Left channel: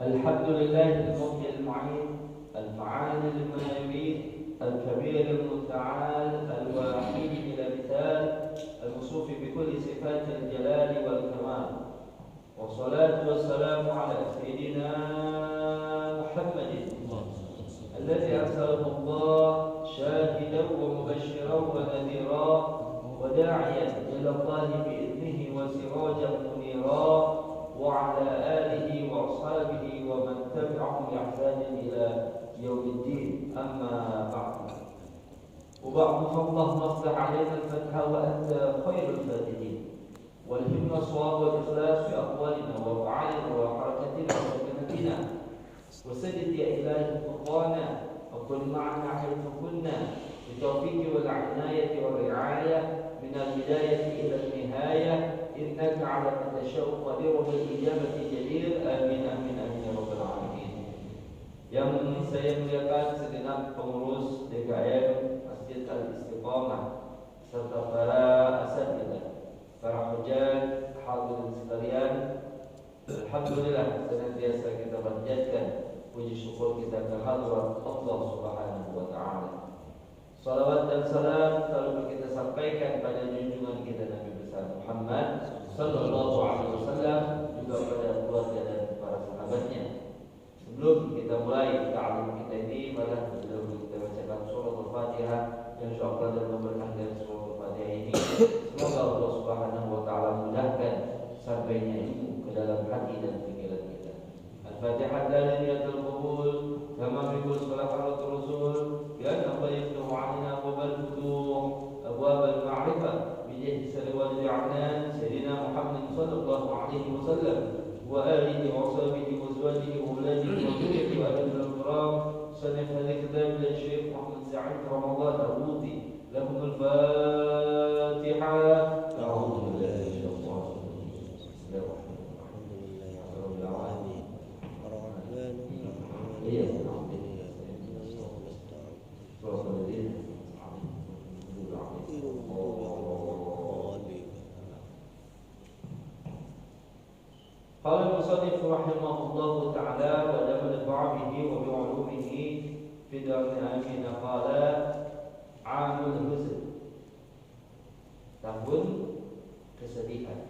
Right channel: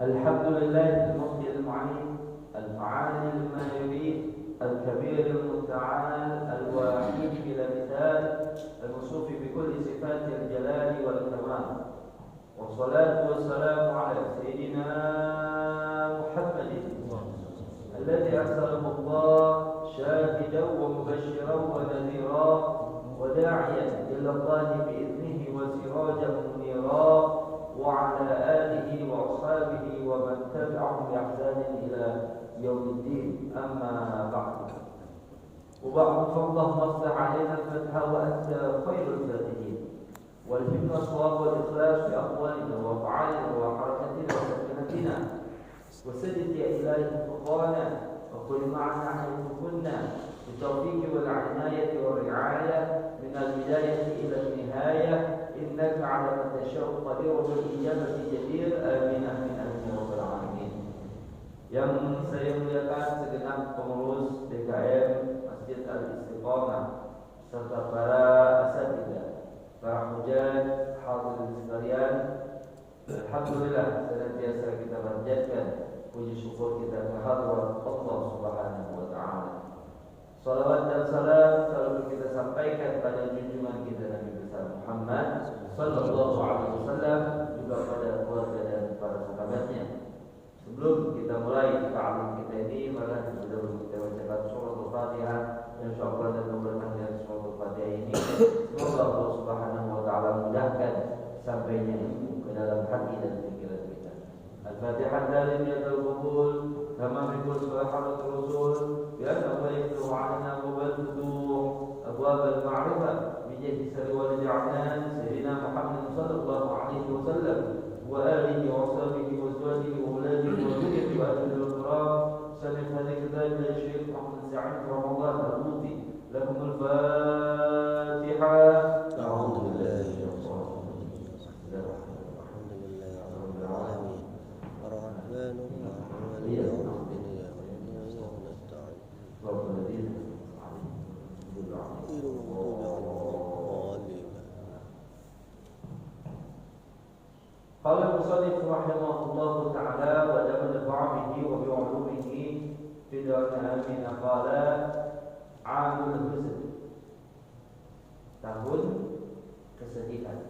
الحمد لله المحيي المعين الفعال لما يريد الكبير المتعال الوحيد بلا مثال الموصوف بكل صفات الجلال والكمال والصلاة والسلام على سيدنا محمد الذي أرسله الله شاهدا ومبشرا ونذيرا وداعيا إلى الله بإذنه وسراجا منيرا وعلى آله وأصحابه ومن تبعهم بإحسان إلى يوم الدين أما بعد وبعد فاللهم افتح علينا الفتح وأنت خير الفاتحين والهمنا الصواب والإخلاص في أقوالنا وأفعالنا وحركاتنا وسكنتنا وسدد يا إلهي خطوانا وكن معنا حيث كنا بالتوفيق والعناية والرعاية من البداية إلى النهاية إنك على ما تشاء قدير بالإجابة جدير آمين آمين آمين يا رب العالمين. Yang saya muliakan segenap pengurus DKM Masjid Al-Istiqamah serta para asatidzah, para hujjah, hadirin sekalian, alhamdulillah senantiasa kita panjatkan puji syukur kita kehadirat Allah Subhanahu wa taala. Salawat dan salam selalu kita sampaikan pada junjungan kita Nabi besar Muhammad sallallahu alaihi wasallam, juga pada keluarga dan para sahabatnya. Sebelum kita mulai ta'lim kita ini, maka sebelum kita bacakan surah Al-Fatihah, insyaallah dan memberkati surah Al-Fatihah ini, semoga Allah Subhanahu wa taala mudahkan sampainya ilmu ke dalam hati dan pikiran kita. Al-Fatihah dari niyatul qabul kama biqul salawatul rasul ya Allah yaftu alaina wa baltuh abwab al-ma'rifah bi jahdi salawat al-'adnan sayyidina Muhammad sallallahu alaihi wasallam wa alihi wa sahbihi wa azwajihi wa auladihi wa dhurriyyatihi wa ahli al-kiram sanad hadhihi kitab al-Syekh Muhammad Sa'id Ramadan al-Muti lahum al-Fatihah. A'udzu billahi قال المصنف رحمه الله تعالى ودمن بعمه وبعلومه في دار آمين قال عام الحزن tahun kesedihan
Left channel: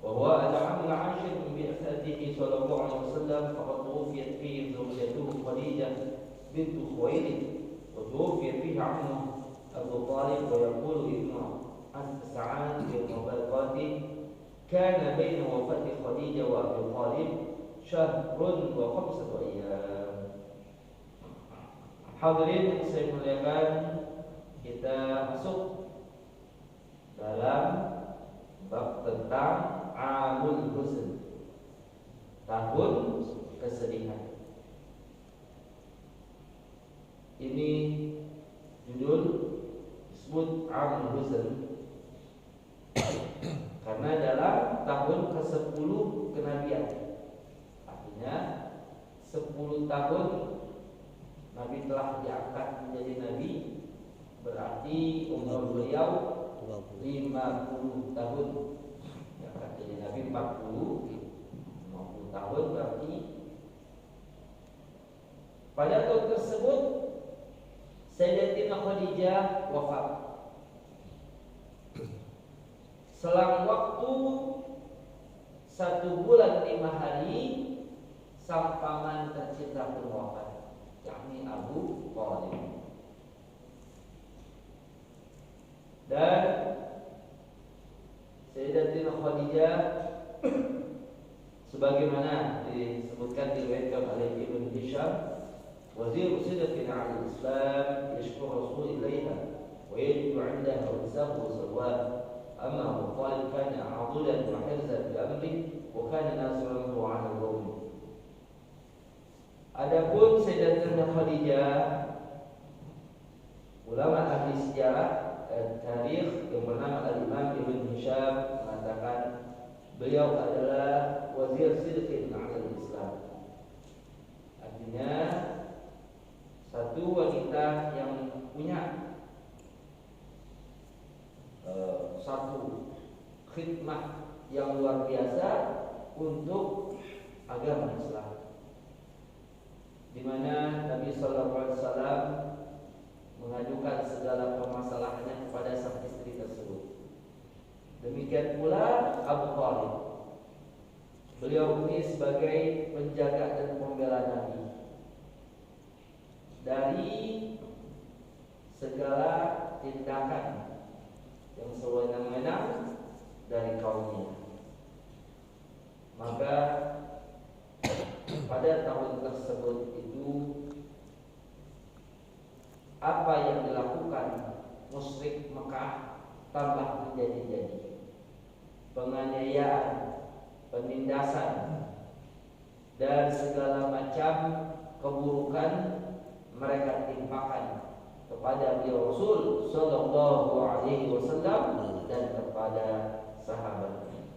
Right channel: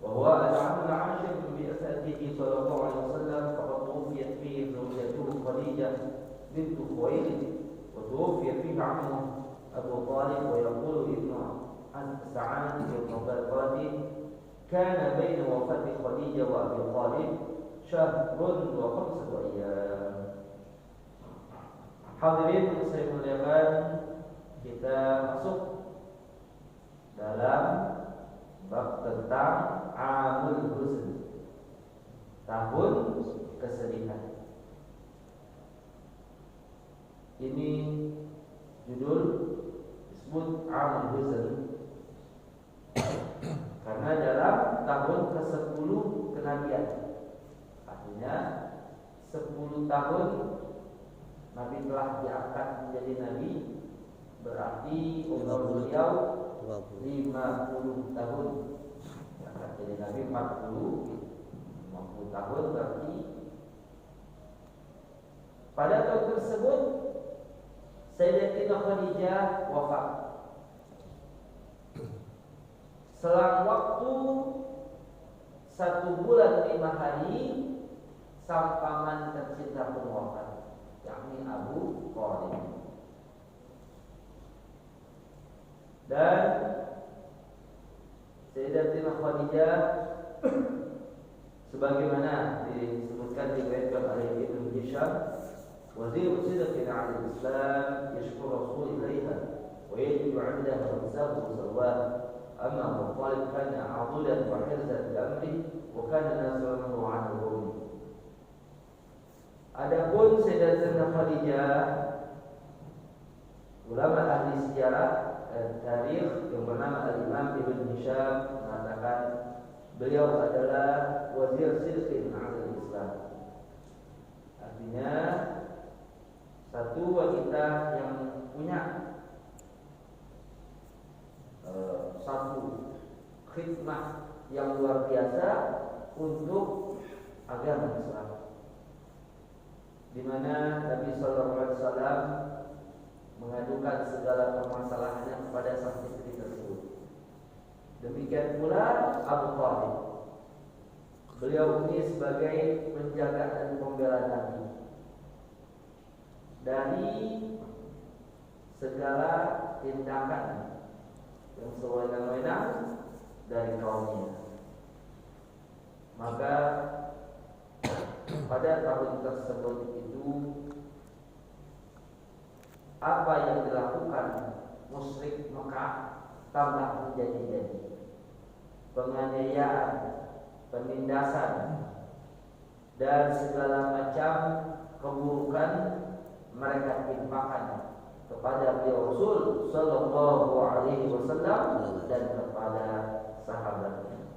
وهو العام العاشر من بعثته صلى الله عليه وسلم فقد توفيت فيه زوجته خديجة بنت خويلد وتوفي فيه عمه أبو طالب ويقول ابن سعد في الطبقات كان بين وفاة خديجة وأبي طالب شهر و5 أيام. Hadirin saya muliakan, kita masuk dalam bab tentang Amul Huzn, tahun kesedihan. Ini judul disebut Amul Huzn karena dalam tahun ke-10 kenabian, artinya 10 tahun Nabi telah diangkat menjadi Nabi, berarti umur beliau 50 tahun. Diangkat jadi Nabi 50 tahun, berarti pada tahun tersebut Sayyidatina Khadijah wafat. Selang waktu 1 bulan 5 hari sang paman tercinta pun wafat, yakni Abu Thalib. Dan Sayyidatina Khadijah sebagaimana disebutkan diriwayatkan oleh Ibnu Hisham, wazir sidqin 'ala al-Islam yashkur Rasul ilaiha wa yajibu 'indaha insafu sawab. Amma Abu Thalib kana 'adulan wa hirzan bi amri wa kana nasiran lahu 'ala al-qawm. Adapun Sayyidatina Khadijah, ulama ahli sejarah dan tarikh yang bernama Al-Imam Ibn Hisham mengatakan beliau adalah wazir sidqin 'ala al-Islam. Artinya satu wanita yang punya satu khidmah yang luar biasa untuk agama Islam, di mana Nabi Sallallahu Alaihi Wasallam mengajukan segala permasalahannya kepada sang istri tersebut. Demikian pula Abu Thalib, beliau ini sebagai penjaga dan pembela Nabi dari segala tindakan yang sewenang-wenang dari kaumnya. Maka pada tahun tersebut itu apa yang dilakukan musyrik Mekah tambah menjadi-jadi. Penganiayaan, penindasan, dan segala macam keburukan mereka timpakan kepada beliau Rasul Sallallahu Alaihi Wasallam dan kepada sahabatnya.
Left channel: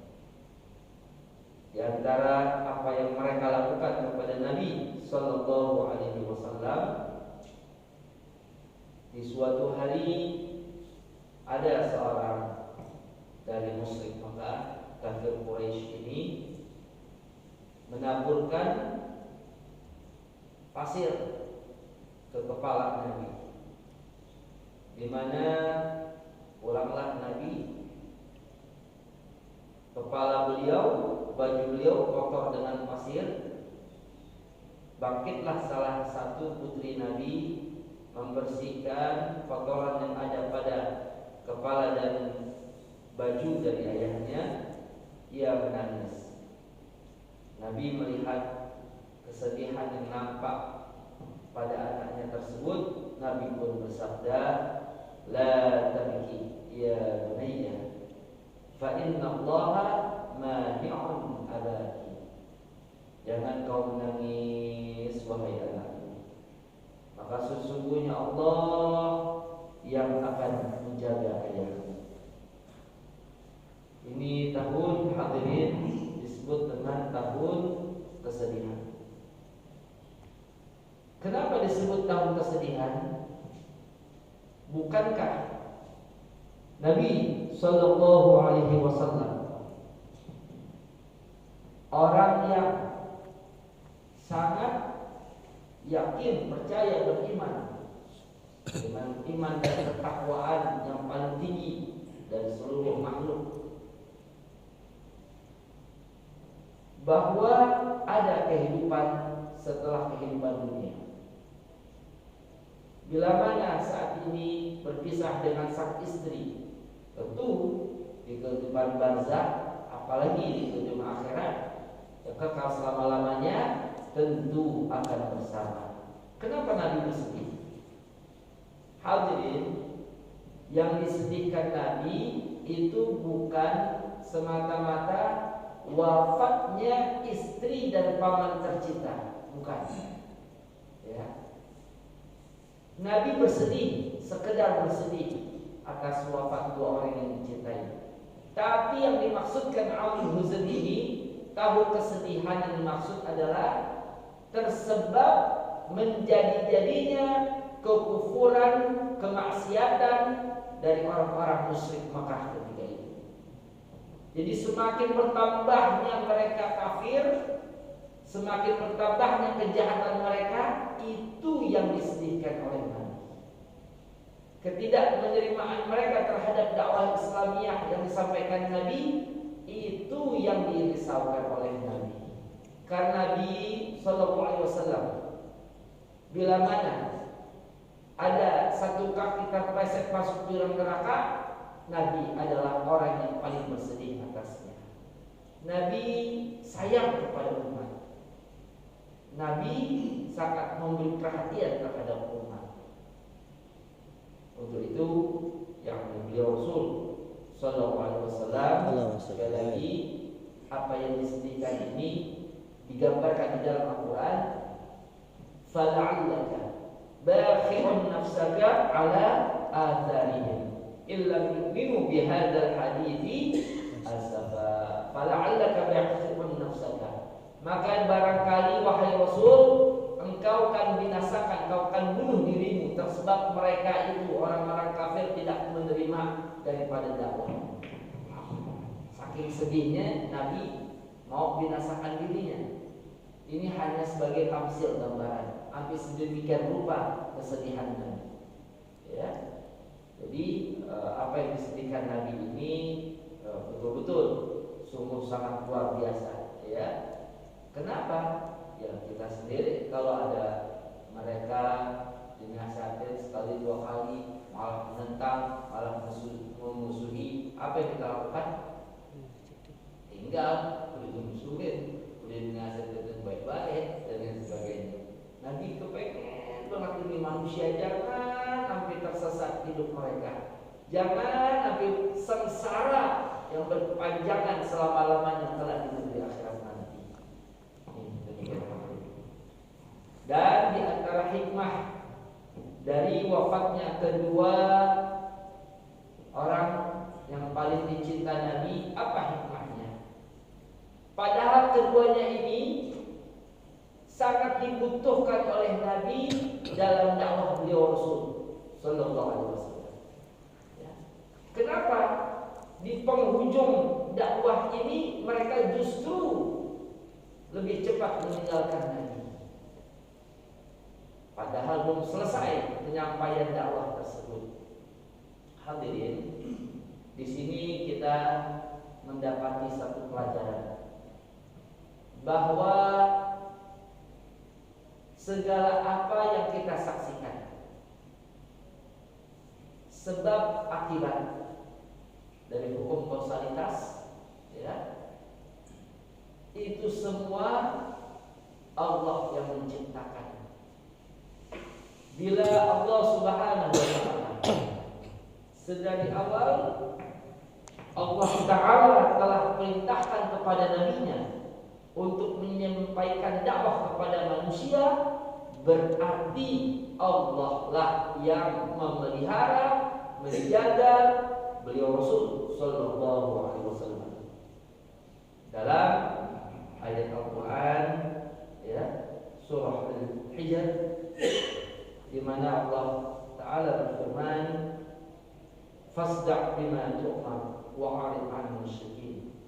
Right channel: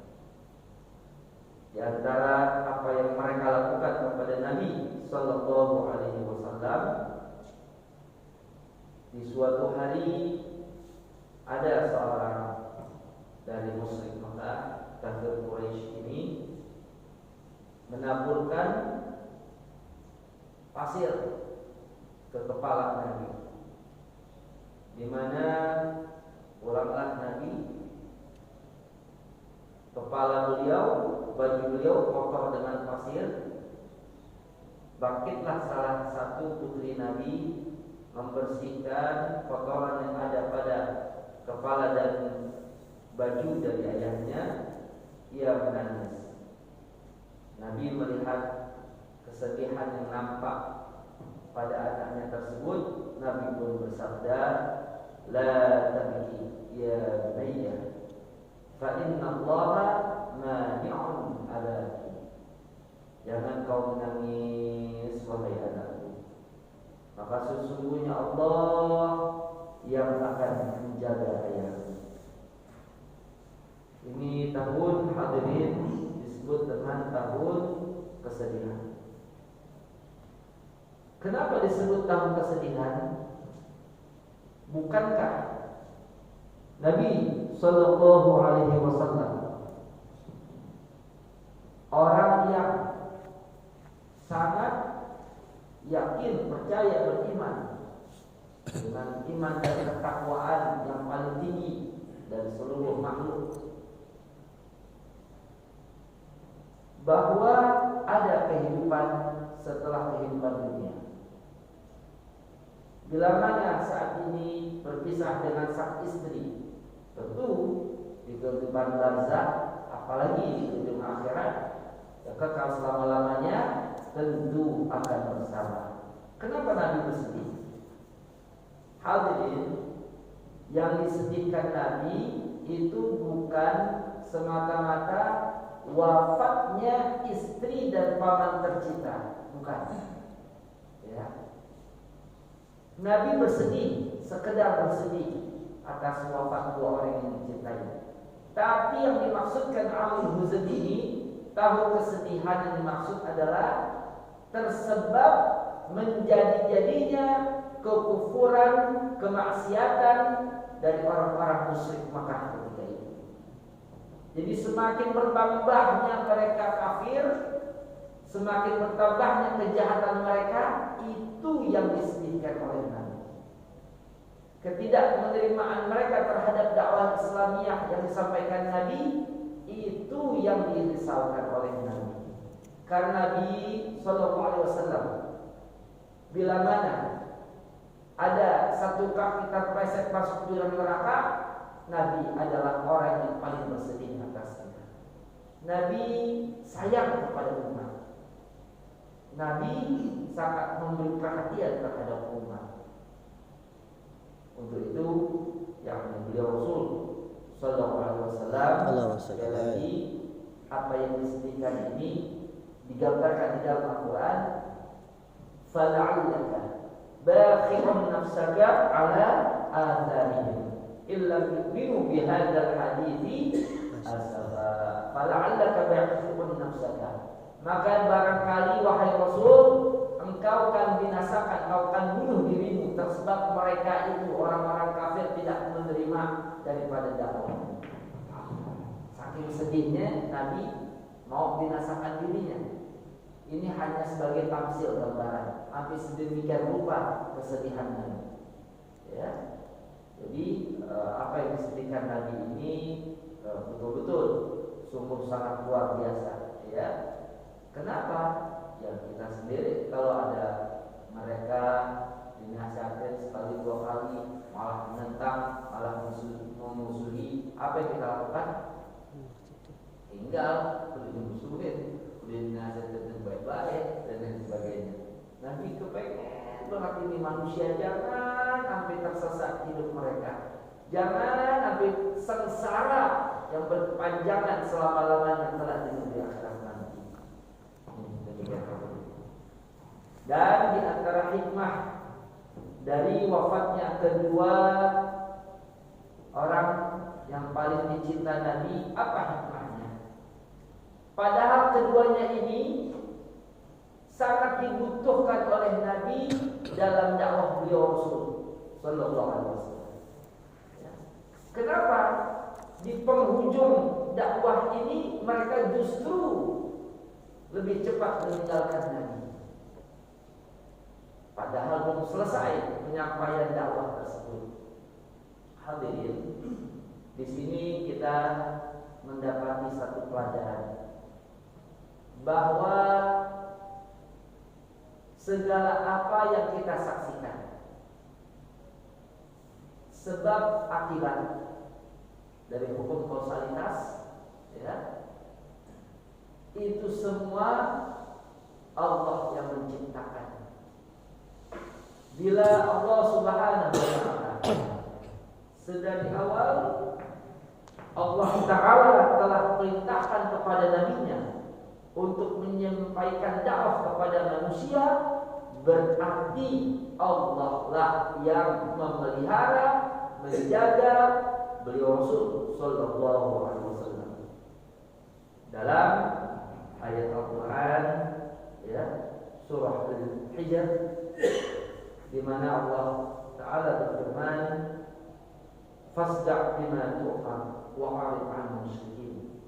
Di antara apa yang mereka lakukan kepada Nabi Sallallahu Alaihi Wasallam, di suatu hari ada seorang dari musyrik Mekah, kafir Quraisy ini menaburkan pasir ke kepala Nabi, di mana ulanglah Nabi, kepala beliau, baju beliau kotor dengan pasir. Bangkitlah salah satu putri Nabi membersihkan kotoran yang ada pada kepala dan baju dari ayahnya. Ia menangis. Nabi melihat kesedihan yang nampak pada anaknya tersebut. Nabi pun bersabda, "La tabki ya bunayya, fa inna Allaha mani'un abaki." Jangan kau menangis wahai anakku, maka sesungguhnya Allah yang akan menjaga ayahmu. Ini tahun, hadirin, disebut dengan tahun kesedihan. Kenapa disebut tahun kesedihan? Bukankah Nabi Sallallahu Alaihi Wasallam orang yang sangat yakin, percaya, beriman dengan iman dan ketakwaan yang paling tinggi dari seluruh makhluk, bahwa ada kehidupan setelah kehidupan dunia? Bila mana saat ini berpisah dengan sang istri, tentu di kehidupan barzakh, apalagi di kehidupan akhirat, ya kekal selama-lamanya, tentu akan bersama. Kenapa Nabi bersedih? Hadirin, yang disedihkan Nabi itu bukan semata-mata wafatnya istri dan paman tercinta, bukan. Ya. Nabi bersedih, sekedar bersedih atas wafat dua orang yang dicintai. Tapi yang dimaksudkan Amil Huzn ini, tahun kesedihan yang dimaksud adalah tersebab menjadi-jadinya kekufuran, kemaksiatan dari orang-orang musyrik Makkah ketika itu. Jadi semakin bertambahnya mereka kafir, semakin bertambahnya kejahatan mereka, itu yang disedihkan oleh Nabi. Ketidakmenerimaan mereka terhadap dakwah Islamiyah yang disampaikan Nabi, itu yang dirisaukan oleh Nabi. Karena Nabi Sallallahu Alaihi Wasallam, bila mana ada satu kaki terpleset masuk ke dalam neraka, Nabi adalah orang yang paling bersedih atasnya. Nabi sayang kepada umat. Nabi sangat memberi perhatian terhadap umat. Untuk itu yang beliau Rasul Sallallahu Alaihi Wasallam, sekali lagi, apa yang disedihkan ini digambarkan di dalam Al-Quran. Fala'allaka bakhirun nafsaka ala atharihim illa yu'minu bihadzal hadithi asafa. Fala'allaka bakhirun nafsaka, maka barangkali wahai Rasul, engkau akan binasakan, engkau akan bunuh dirimu tersebab mereka itu orang-orang kafir tidak menerima daripada dakwah. Saking sedihnya Nabi mau binasakan dirinya. Ini hanya sebagai tamsil gambaran, hampir sedemikian rupa kesedihan Nabi. Ya, jadi apa yang disedihkan Nabi ini betul-betul sungguh sangat luar biasa. Ya, kenapa? Ya kita sendiri kalau ada mereka dinasihatin sekali dua kali malah menentang, malah memusuhi, apa yang kita lakukan? Tinggal dimusuhin, dinasihatin baik-baik dan lain sebagainya. Nabi kepengen banget ini manusia jangan sampai tersesat hidup mereka, jangan sampai sengsara yang berkepanjangan selama-lamanya telah di negeri akhirat nanti. Dan di antara hikmah dari wafatnya kedua orang yang paling dicinta Nabi, apa hikmahnya? Padahal keduanya ini sangat dibutuhkan oleh Nabi dalam dakwah beliau Rasul Sallallahu Alaihi Wasallam. Ya. Kenapa di penghujung dakwah ini mereka justru lebih cepat meninggalkan Nabi? Padahal belum selesai penyampaian dakwah tersebut. Hadirin, di sini kita mendapati satu pelajaran bahwa segala apa yang kita saksikan, sebab akibat dari hukum kausalitas, ya, itu semua Allah yang menciptakan. Bila Allah Subhanahu wa Ta'ala sedari awal Allah Ta'ala telah perintahkan kepada nabinya untuk menyampaikan dakwah kepada manusia, berarti Allah lah yang memelihara, menjaga beliau Rasul Sallallahu Alaihi Wasallam. Dalam ayat Al-Quran, ya, surah Al-Hijr, di mana Allah Ta'ala berfirman, "Fasda' bima tu'mar wa 'arid 'anil musyrikin.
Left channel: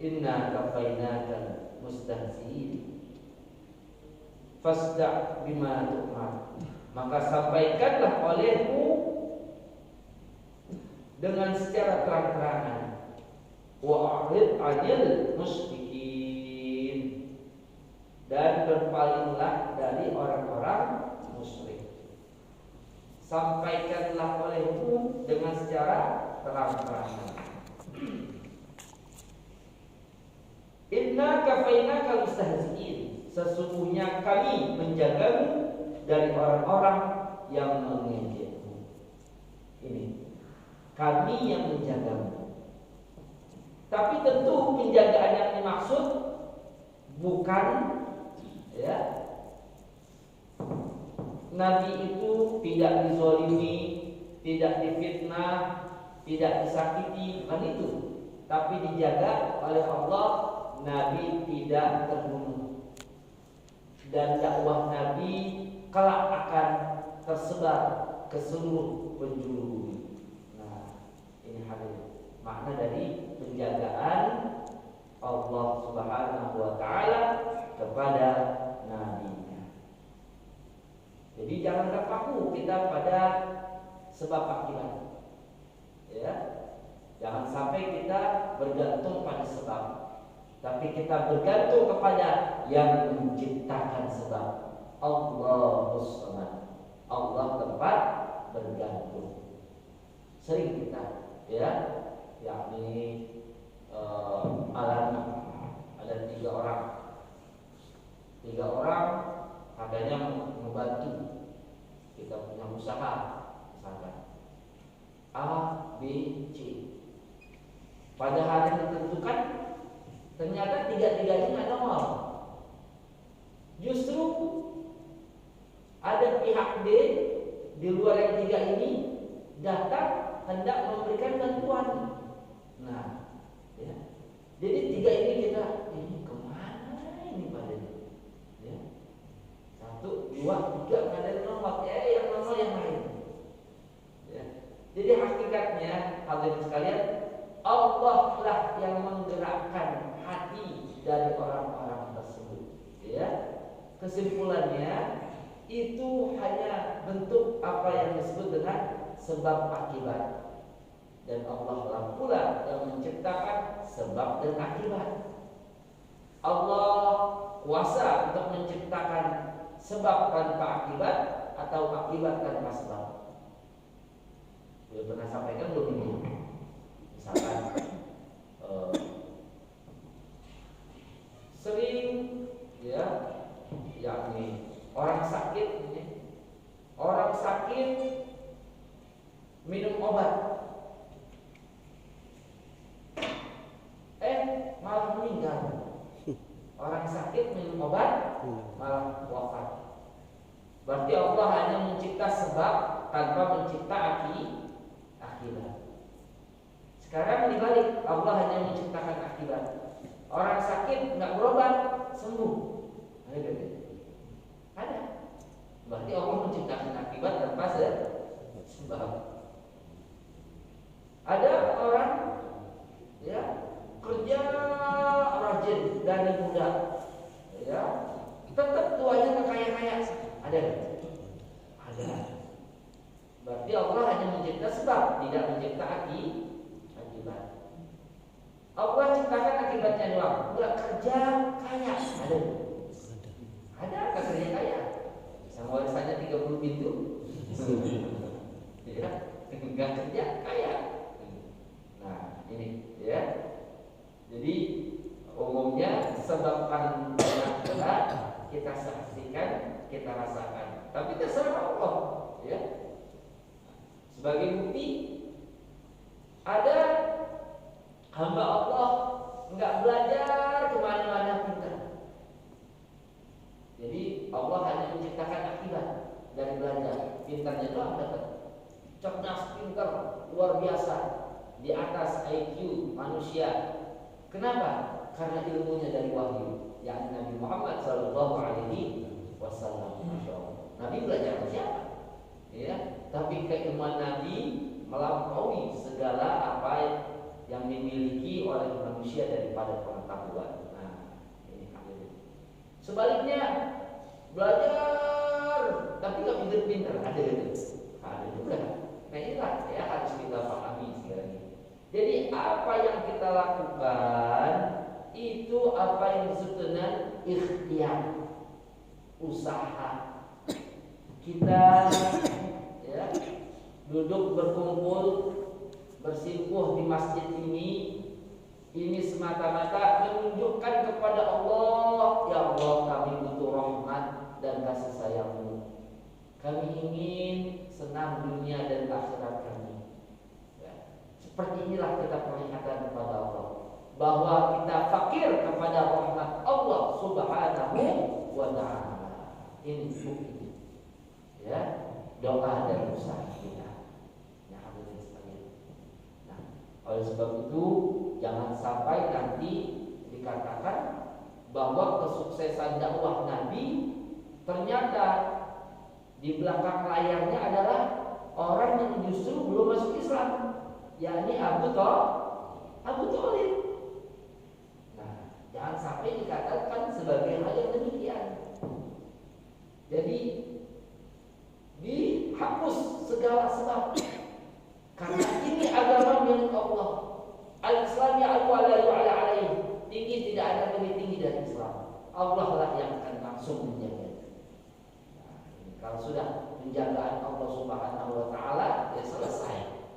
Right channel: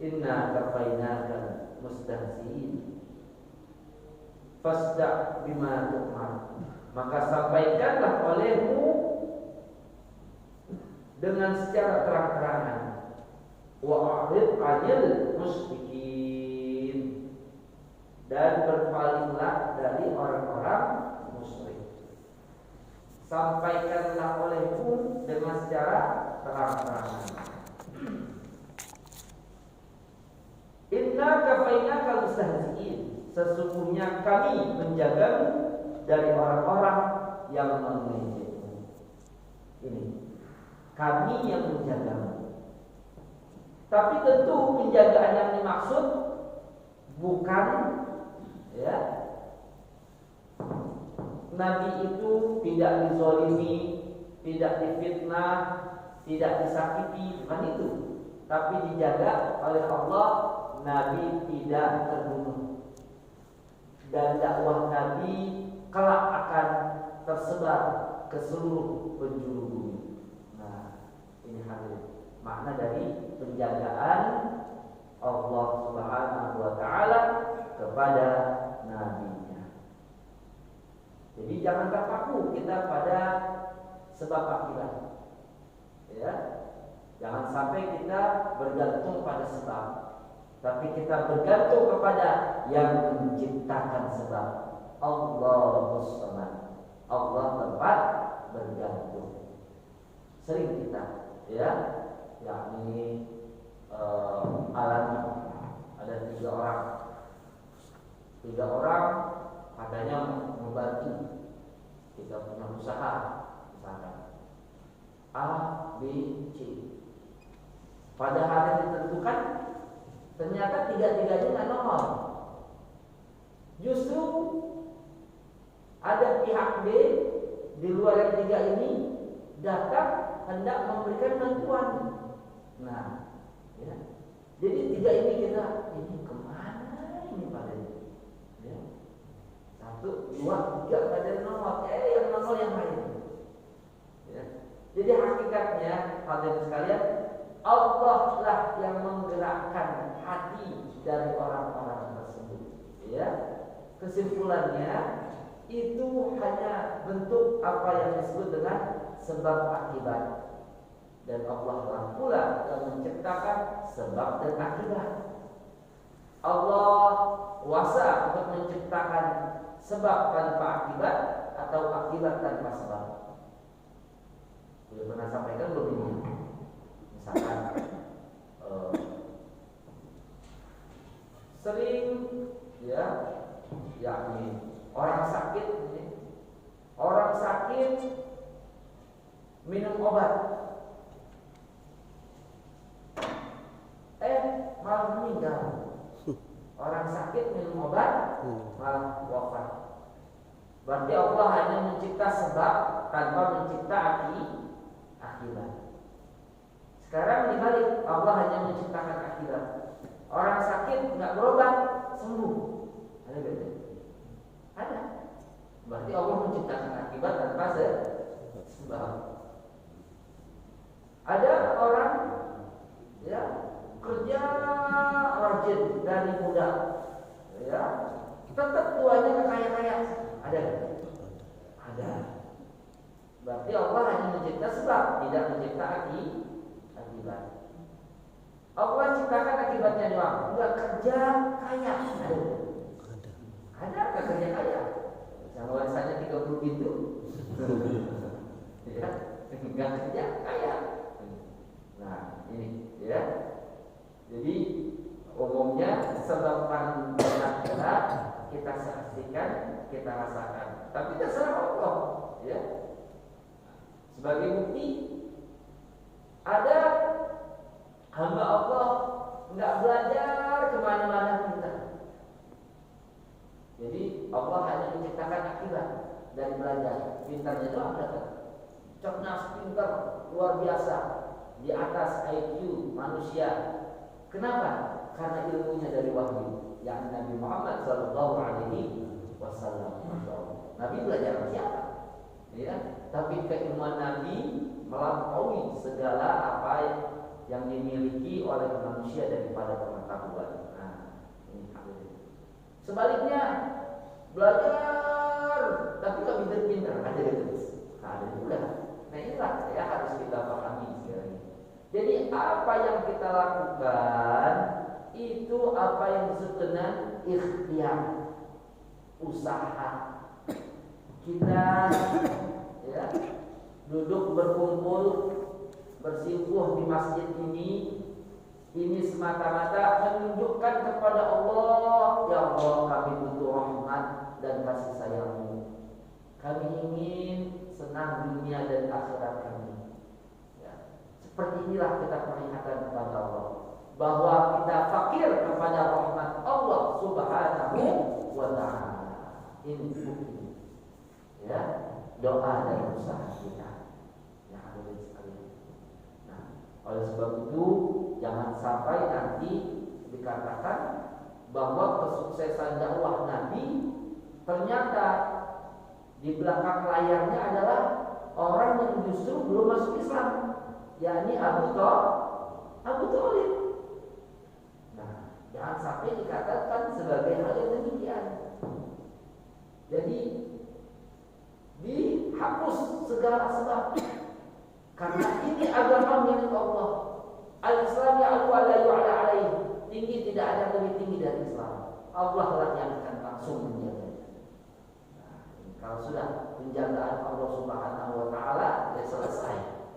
Inna kafainaka mustahzi'in." Fasda' bima tu'mar, maka sampaikanlah olehmu dengan secara terang-terangan, wa 'arid 'anil musyrikin, dan berpalinglah dari orang-orang musyrik. Sampaikanlah olehmu dengan secara terang-terangan. Inna kafainaka mustahzi'in, sesungguhnya kami menjagamu dari orang-orang yang mengejekmu. Ini kami yang menjagamu. Tapi tentu penjagaan yang dimaksud bukan, ya, Nabi itu tidak dizalimi, tidak difitnah, tidak disakiti, bukan itu. Tapi dijaga oleh Allah, Nabi tidak terbunuh. Dan dakwah Nabi kelak akan tersebar ke seluruh penjuru bumi. Nah, ini hadir makna dari penjagaan Allah Subhanahu wa Ta'ala kepada Nabi-Nya. Jadi jangan terpaku kita pada sebab akibat, ya. Jangan sampai kita bergantung pada sebab, tapi kita bergantung kepada yang menciptakan sebab. Allahus Samad, Allah tempat bergantung. Sering kita, ya, yakni alami ada tiga orang katanya membantu kita punya usaha, misalkan A, B, C. Pada hari yang ditentukan ternyata tiga-tiganya nggak nongol. Justru ada pihak D di luar yang tiga ini datang hendak memberikan bantuan. Nah, ya. Jadi tiga ini kita kemana ini padanya? Ya. 1, 2, 3 pada nongol, yang nongol yang lain. Ya. Jadi hakikatnya hadirin sekalian, Allah lah yang menggerakkan hati dari orang-orang tersebut. ya, kesimpulannya itu hanya bentuk apa yang disebut dengan sebab akibat. Dan Allah lah pula yang menciptakan sebab dan akibat. Allah kuasa untuk menciptakan sebab tanpa akibat atau akibat tanpa sebab. Sudah pernah sampaikan belum ini? Misalkan sering ya, yakni orang sakit ini, orang sakit minum obat, malah meninggal. Orang sakit minum obat malah wafat. Berarti Allah hanya mencipta sebab tanpa mencipta akibat. Sekarang dibalik, Allah hanya menciptakan akibat. Orang sakit nggak berobat sembuh. Ada gitu? Ada. Berarti Allah menciptakan akibat tanpa sebab. Ada orang ya kerja rajin dari muda, ya tetap tuanya nggak kaya-kaya. Ada? Ada. Berarti Allah hanya mencipta sebab, tidak mencipta akibat. Allah ciptakan akibatnya doang, nggak kerja kaya. Ada? Ada nggak kerja kaya? Bisa warisanya 30 pintu. Ya, nggak kerja kaya. Nah ini ya. Jadi umumnya sebab paling banyak kita saksikan, kita rasakan. Tapi terserah Allah, ya. Sebagai bukti, ada hamba Allah nggak belajar kemana-mana pintar. Jadi Allah hanya menciptakan akibat dari belajar. Pintarnya doang dapat. Cerdas, pintar, luar biasa, di atas IQ manusia. Kenapa? Karena ilmunya dari wahyu, yakni Nabi Muhammad SAW. Nabi belajar sama siapa? Ya, tapi keilmuan Nabi melampaui segala apa yang dimiliki oleh manusia daripada pengetahuan. Nah, ini hadirin. Sebaliknya, belajar tapi nggak pintar-pintar, ada gitu. Ada juga. Nah inilah ya harus kita pahami sekarang ini. Jadi apa yang kita lakukan itu apa yang disebut dengan ikhtiar, usaha. Kita ya duduk berkumpul bersimpuh di masjid ini semata-mata menunjukkan kepada Allah, ya Allah kami butuh rahmat dan kasih sayang-Mu. Kami ingin senang dunia dan akhirat kami. Ya. Seperti inilah kita peringatkan kepada Allah bahwa kita fakir kepada rahmat Allah Subhanahu wa ta'ala. Ini bukti. Ya, doa dan usaha kita. Ya, hadirin sekalian. Nah, oleh sebab itu jangan sampai nanti dikatakan bahwa kesuksesan dakwah Nabi ternyata di belakang layarnya adalah orang yang justru belum masuk Islam, yakni Abu Thalib. Nah, jangan sampai dikatakan sebagai hal yang demikian. Jadi dihapus segala sebab, karena ini agama milik Allah. Al-Islam ya'lu ala yu'ala alaih. Tinggi tidak ada lebih tinggi dari Islam. Allah lah yang akan langsung menjaga. Kalau sudah penjagaan Allah Subhanahu wa ta'ala, ya selesai.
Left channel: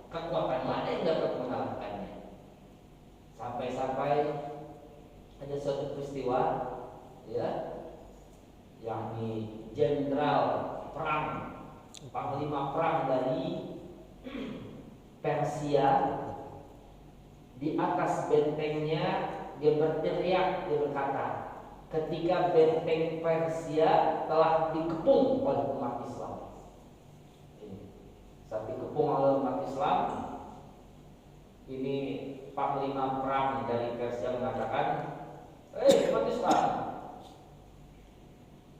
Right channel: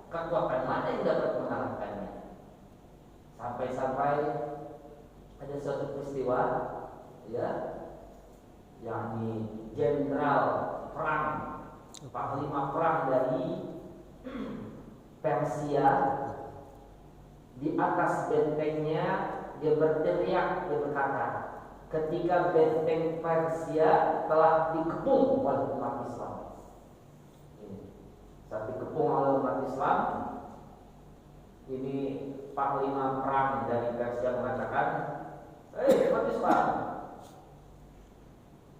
Kekuatan mana yang dapat mengalahkannya? Sampai-sampai ada suatu peristiwa, ya, yakni jenderal perang, panglima perang dari Persia, di atas bentengnya dia berteriak, dia berkata, ketika benteng Persia telah dikepung oleh umat Islam. Saat dikepung oleh umat Islam, ini panglima perang dari Persia mengatakan, umat Islam,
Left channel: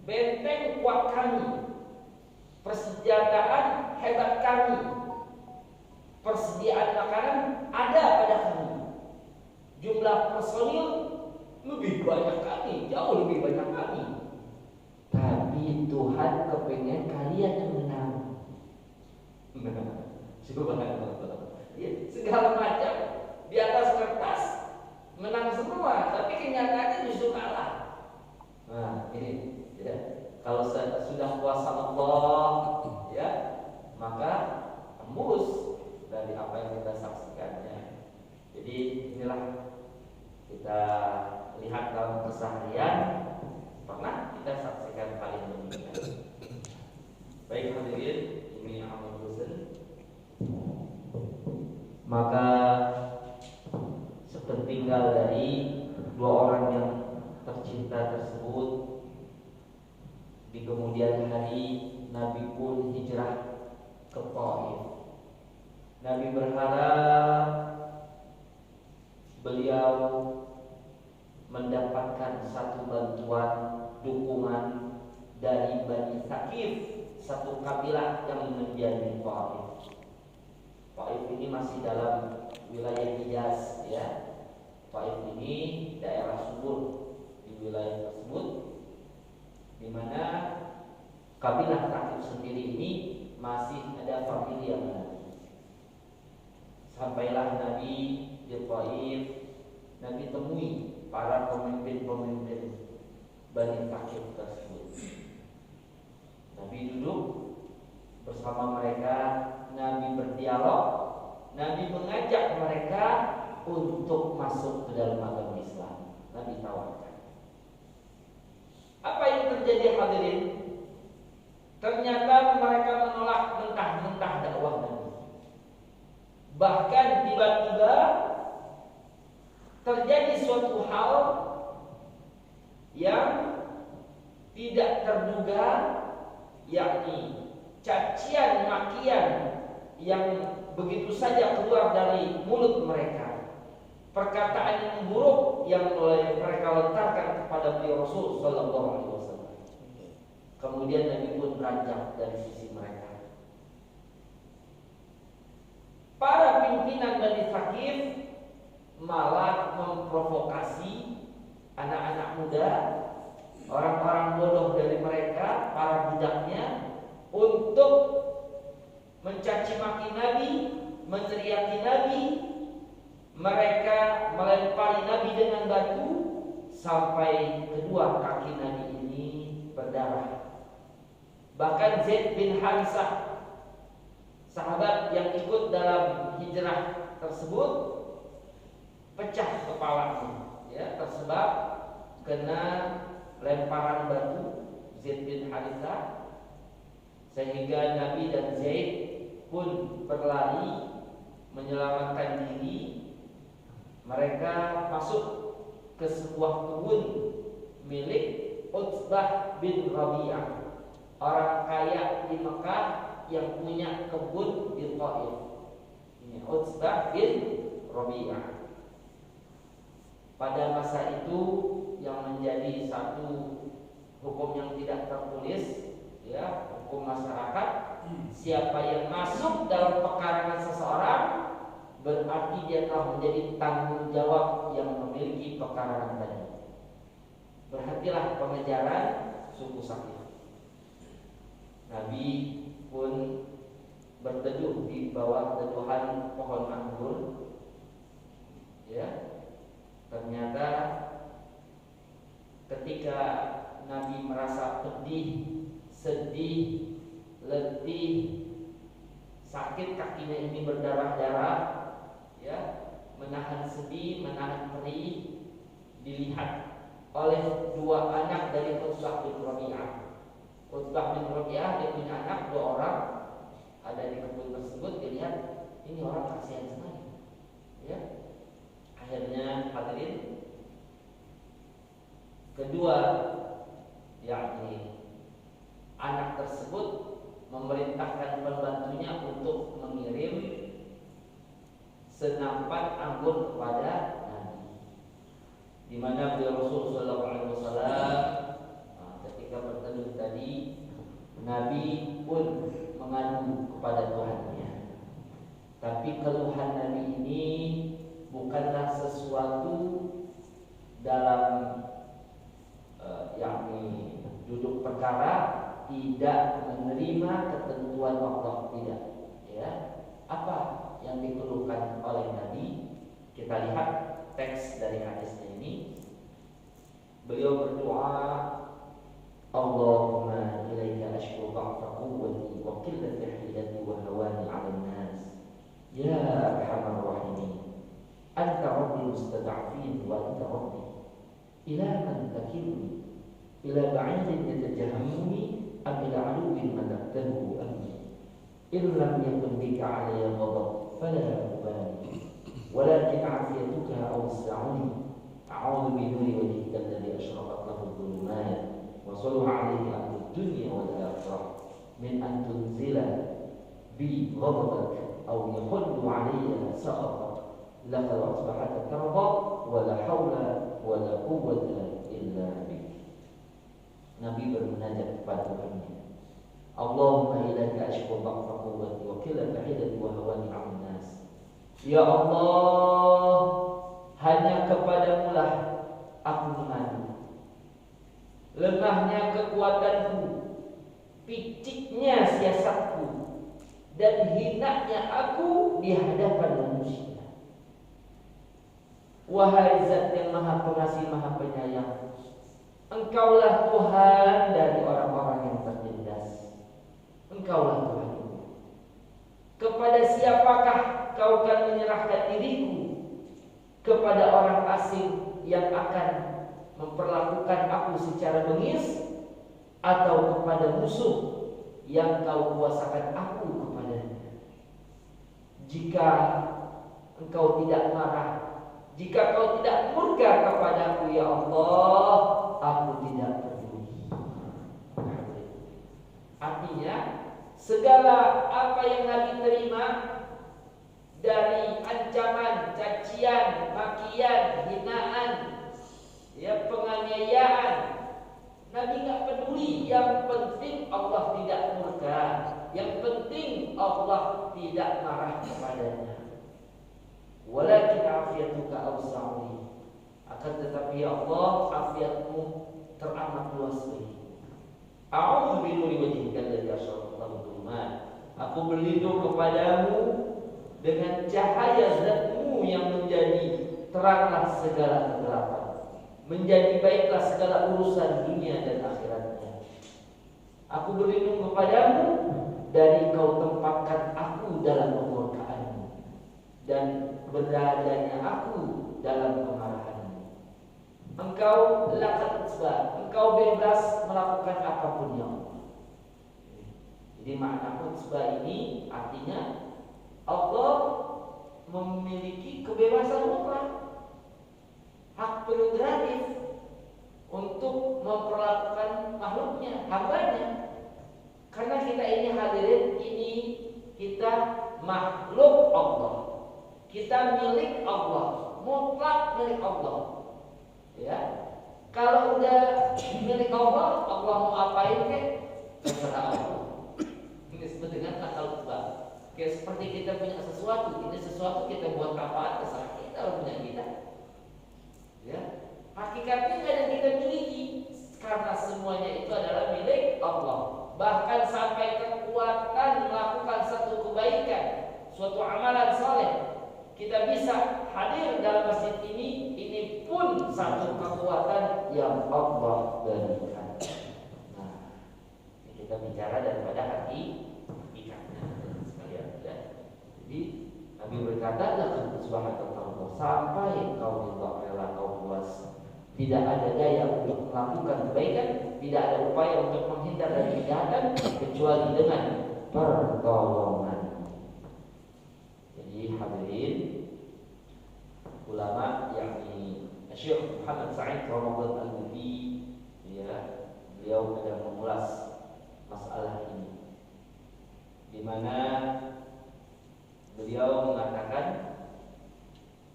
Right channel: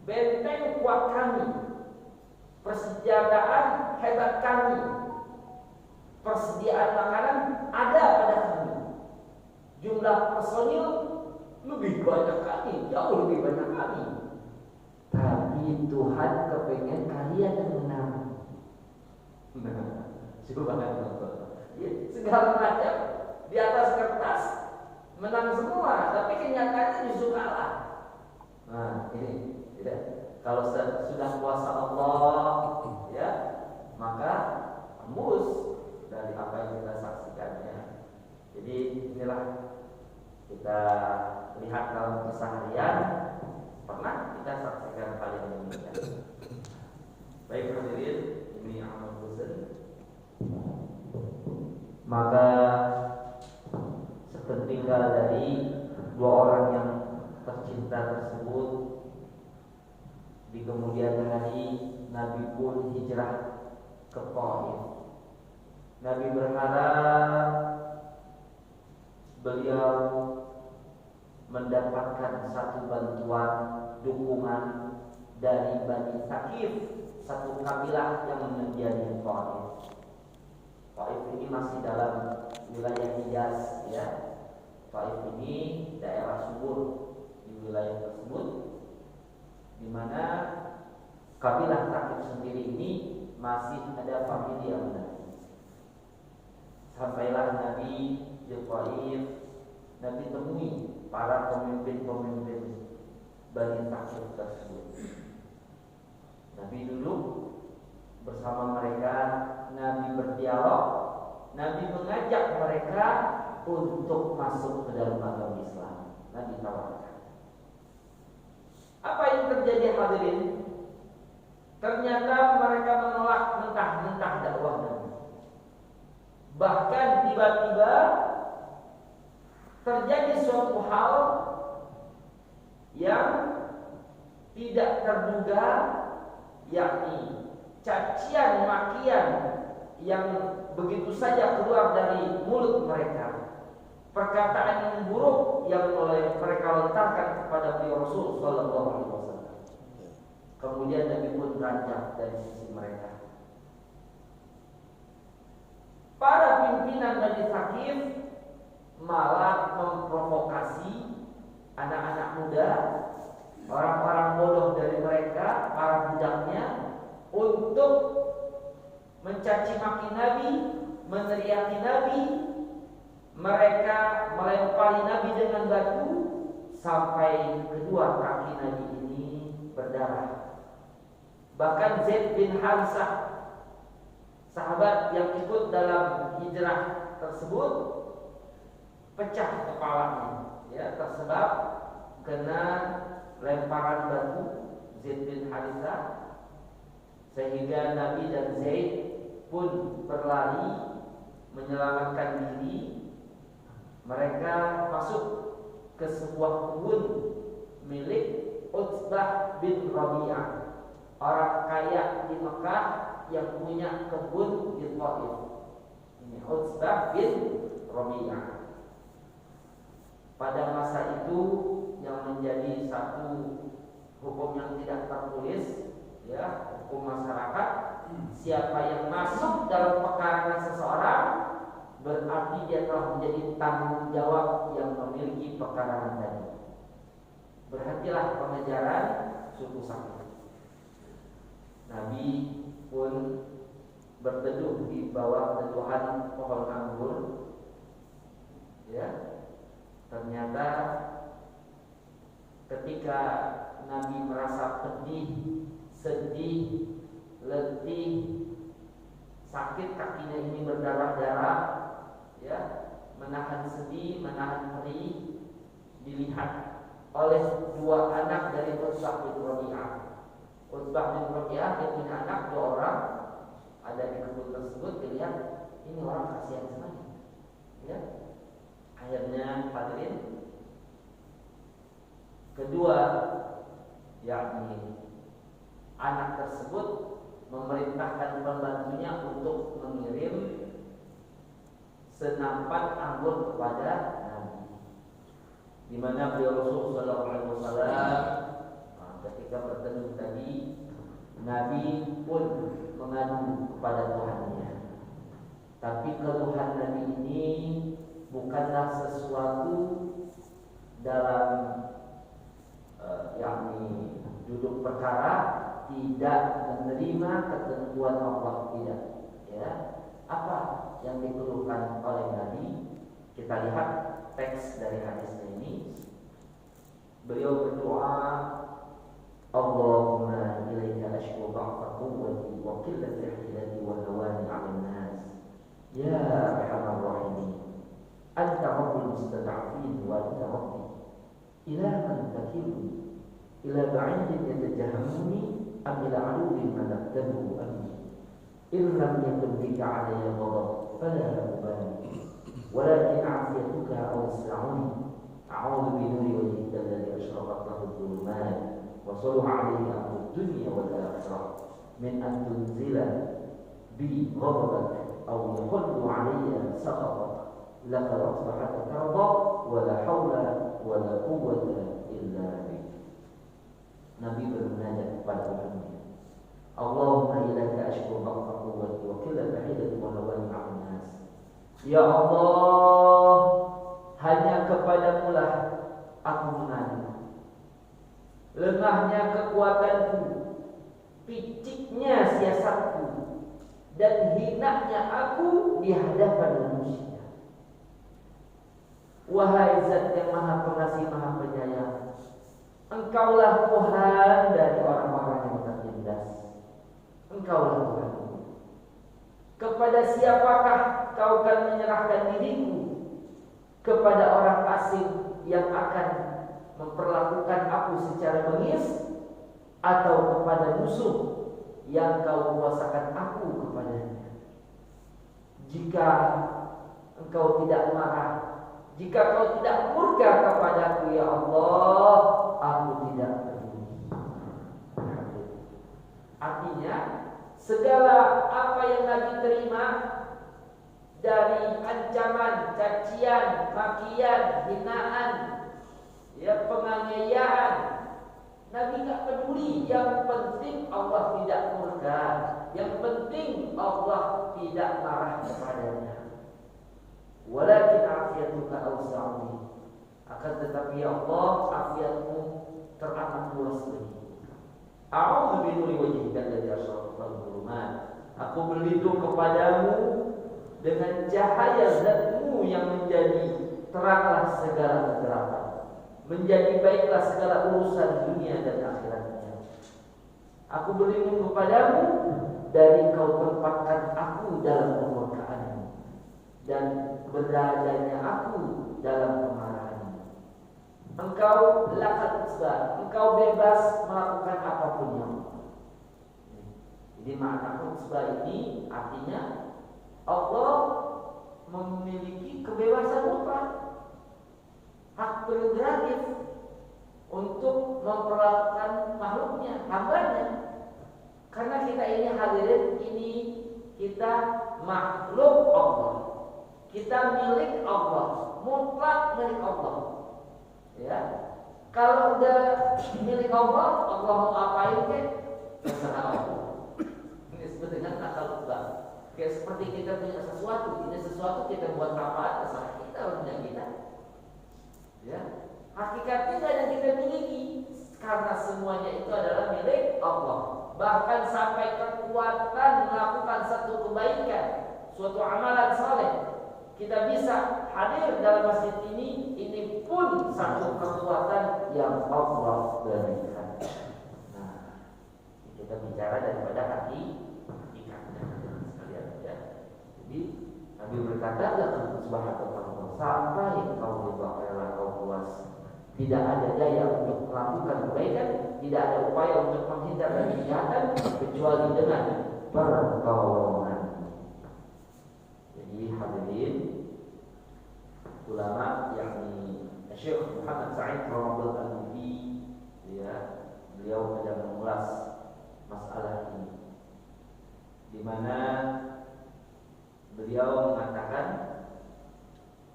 benteng kuat kami, persenjataan hebat kami, persediaan makanan ada pada kami, jumlah personil lebih banyak kami, jauh lebih banyak kami. Tapi Tuhan kepengen kalian yang menang. Subhanallah. Ya, segala macam di atas kertas menang semua, tapi kenyataannya justru kalah. Nah ini ya, kalau sudah kuasa Allah ya, maka tembus dari apa yang kita saksikannya. Jadi inilah kita lihat dalam keseharian, pernah kita saksikan kali ini. Baik hadirin, ini amal husn. Maka sepentinggal dari dua orang yang tercinta tersebut, di kemudian hari Nabi pun hijrah ke Taif. Nabi berharap beliau mendapatkan satu bantuan, dukungan dari Bani Thaqif, satu kabilah yang menjadi Taif. Taif ini masih dalam wilayah Hijaz ya. Taif ini daerah subur di wilayah tersebut, di mana kabilah Thaqif sendiri ini masih ada familiar Nabi. Sampailah Nabi di Taif, Nabi temui para pemimpin-pemimpin Bani Thaqif tersebut. Nabi duduk bersama mereka, Nabi berdialog, Nabi mengajak mereka untuk masuk ke dalam agama Islam. Nabi tawarkan. Apa yang terjadi hadirin? Ternyata mereka menolak mentah-mentah dakwah Nabi. Bahkan tiba-tiba terjadi suatu hal yang tidak terduga, yakni cacian makian yang begitu saja keluar dari mulut mereka, perkataan yang buruk yang mulai mereka lontarkan kepada beliau Rasul Sallallahu Alaihi Wasallam. Kemudian Nabi pun beranjak dari sisi mereka. Para pimpinan Bani Thaqif malah memprovokasi anak-anak muda, orang-orang bodoh dari mereka, para budaknya, untuk mencaci maki Nabi, meneriaki Nabi. Mereka melempari Nabi dengan batu sampai kedua kaki Nabi ini berdarah. Bahkan Zaid bin Harisah, sahabat yang ikut dalam hijrah tersebut, pecah kepalanya, ya, tersebab kena lemparan batu Zaid bin Harisah, sehingga Nabi dan Zaid pun berlari menyelamatkan diri. Mereka masuk ke sebuah kebun milik Utsbah bin Rabi'ah, orang kaya di Mekah yang punya kebun di Taif. Ini Utsbah bin Rabi'ah. Pada masa itu yang menjadi satu hukum yang tidak tertulis, ya, hukum masyarakat, siapa yang masuk dalam pekarangan seseorang berarti dia telah menjadi tanggung jawab yang memiliki pekarangan tadi. Berhentilah pengejaran suku Thaqif. Nabi pun berteduh di bawah teduhan pohon anggur. Ya, ternyata ketika Nabi merasa pedih, sedih, letih, sakit, kakinya ini berdarah-darah, ya, menahan sedih, menahan perih, dilihat oleh dua anak dari Utsbah bin Rabi'ah. Utsbah bin Rabi'ah dia punya anak dua orang, ada di kebun tersebut. Dilihat, ini orang kasihan sekali, ya. Akhirnya hadirin, kedua, yakni anak tersebut memerintahkan pembantunya untuk mengirim senampan anggur kepada Nabi, di mana beliau Rasul Sallallahu Alaihi Wasallam ketika bertemu tadi, Nabi pun mengadu kepada Tuhannya. Tapi keluhan Nabi ini bukanlah sesuatu dalam yakni duduk perkara tidak menerima ketentuan Allah, tidak. Ya, apa yang dikeluhkan oleh Nabi? Kita lihat teks dari hadisnya ini. Beliau berdoa, Allahumma ilaika ashku dha'fa quwwati wa qillata hilati wa hawani 'alan nas. Ya arhamar rahimin. Anta rabbi mustad'afin wa anta rabbi. Ila man takilni? Ila ba'idin yatajahammuni am ila 'aduwwin malaktahu amni. In lam yakun bika 'alayya ghadab fala ubali. Walakin 'afiyatuka awsa'uni. A'udzu binuri wajhika alladhi ashraqat lahu adh-dhulumat. وصلوا عليه أمر الدنيا والآخرة من أن تنزل بي غضبك أو يحل علي سخطك لقد أصبحت ترضى ولا حول ولا قوة إلا بك. Nabi bermunajat kepada Tuhannya. Allahumma ilaika ashku dha'fa quwwati wa qillata hilati wa hawani 'alan nas. Ya Allah, hanya kepadamu lah aku mengadu. Lemahnya kekuatanku, piciknya siasatku, dan hinanya aku di hadapan manusia. Wahai Zat yang Maha Pengasih, Maha Penyayang, Engkaulah Tuhan dari orang-orang yang tertindas. Engkaulah Tuhan. Kepada siapakah Kau akan menyerahkan diriku? Kepada orang asing yang akan memperlakukan aku secara bengis, atau kepada musuh yang Kau kuasakan aku kepadanya? Jika Engkau tidak marah, jika Kau tidak murka kepadaku, ya Allah, aku tidak peduli. Artinya, segala apa yang Nabi terima dari ancaman, cacian, makian, hinaan, ya, penganiayaan, Nabi gak peduli. Yang penting Allah tidak murka, yang penting Allah tidak marah kepadanya. Walakin afiyatuka awsa'uni. Akan tetapi ya Allah, afiatmu teramat luas lagi. A'udzu binuri wajhika alladzi asyraqat lahu dhulumat. Aku berlindung kepadamu dengan cahaya Zatmu yang menjadi teranglah segala kegelapan, menjadi baiklah segala urusan dunia dan akhiratnya. Aku berlindung kepadamu dari Kau tempatkan aku dalam kemurkaan-Mu dan beradanya aku dalam kemarahan-Mu. Engkau lakat khutbah, Engkau bebas melakukan apapun yang mau. Jadi makna khutbah ini artinya Allah memiliki kebebasan mutlak, hak prerogatif untuk memperlakukan makhluknya, hambanya. Karena kita ini hadirin, ini kita makhluk Allah, kita milik Allah, mutlak milik Allah. Ya, kalau udah milik Allah, Allah mau apain ke? Terserah Allah. Ini disebut dengan akal khutbah. Kayak seperti kita punya sesuatu, ini sesuatu kita buat apa? Terserah kita, orang punya kita. Ya, hakikatnya nggak ada yang kita miliki, karena semuanya itu adalah milik Allah. Bahkan sampai kekuatan melakukan satu kebaikan, suatu amalan saleh, kita bisa hadir dalam masjid ini pun satu kekuatan yang Allah berikan. Nah, kita bicara daripada hakikatnya sekalian ya. Jadi Nabi berkata, "Lakum subhanallahi sampai Kau rela, Kau puas. Tidak ada daya untuk melakukan kebaikan, tidak ada upaya untuk menghindar dari kejahatan kecuali dengan pertolongan." Jadi hadirin, ulama yakni Syekh Muhammad Sa'id Ramadhan Al-Mufi, ya, beliau sedang mengulas masalah ini, di mana beliau mengatakan,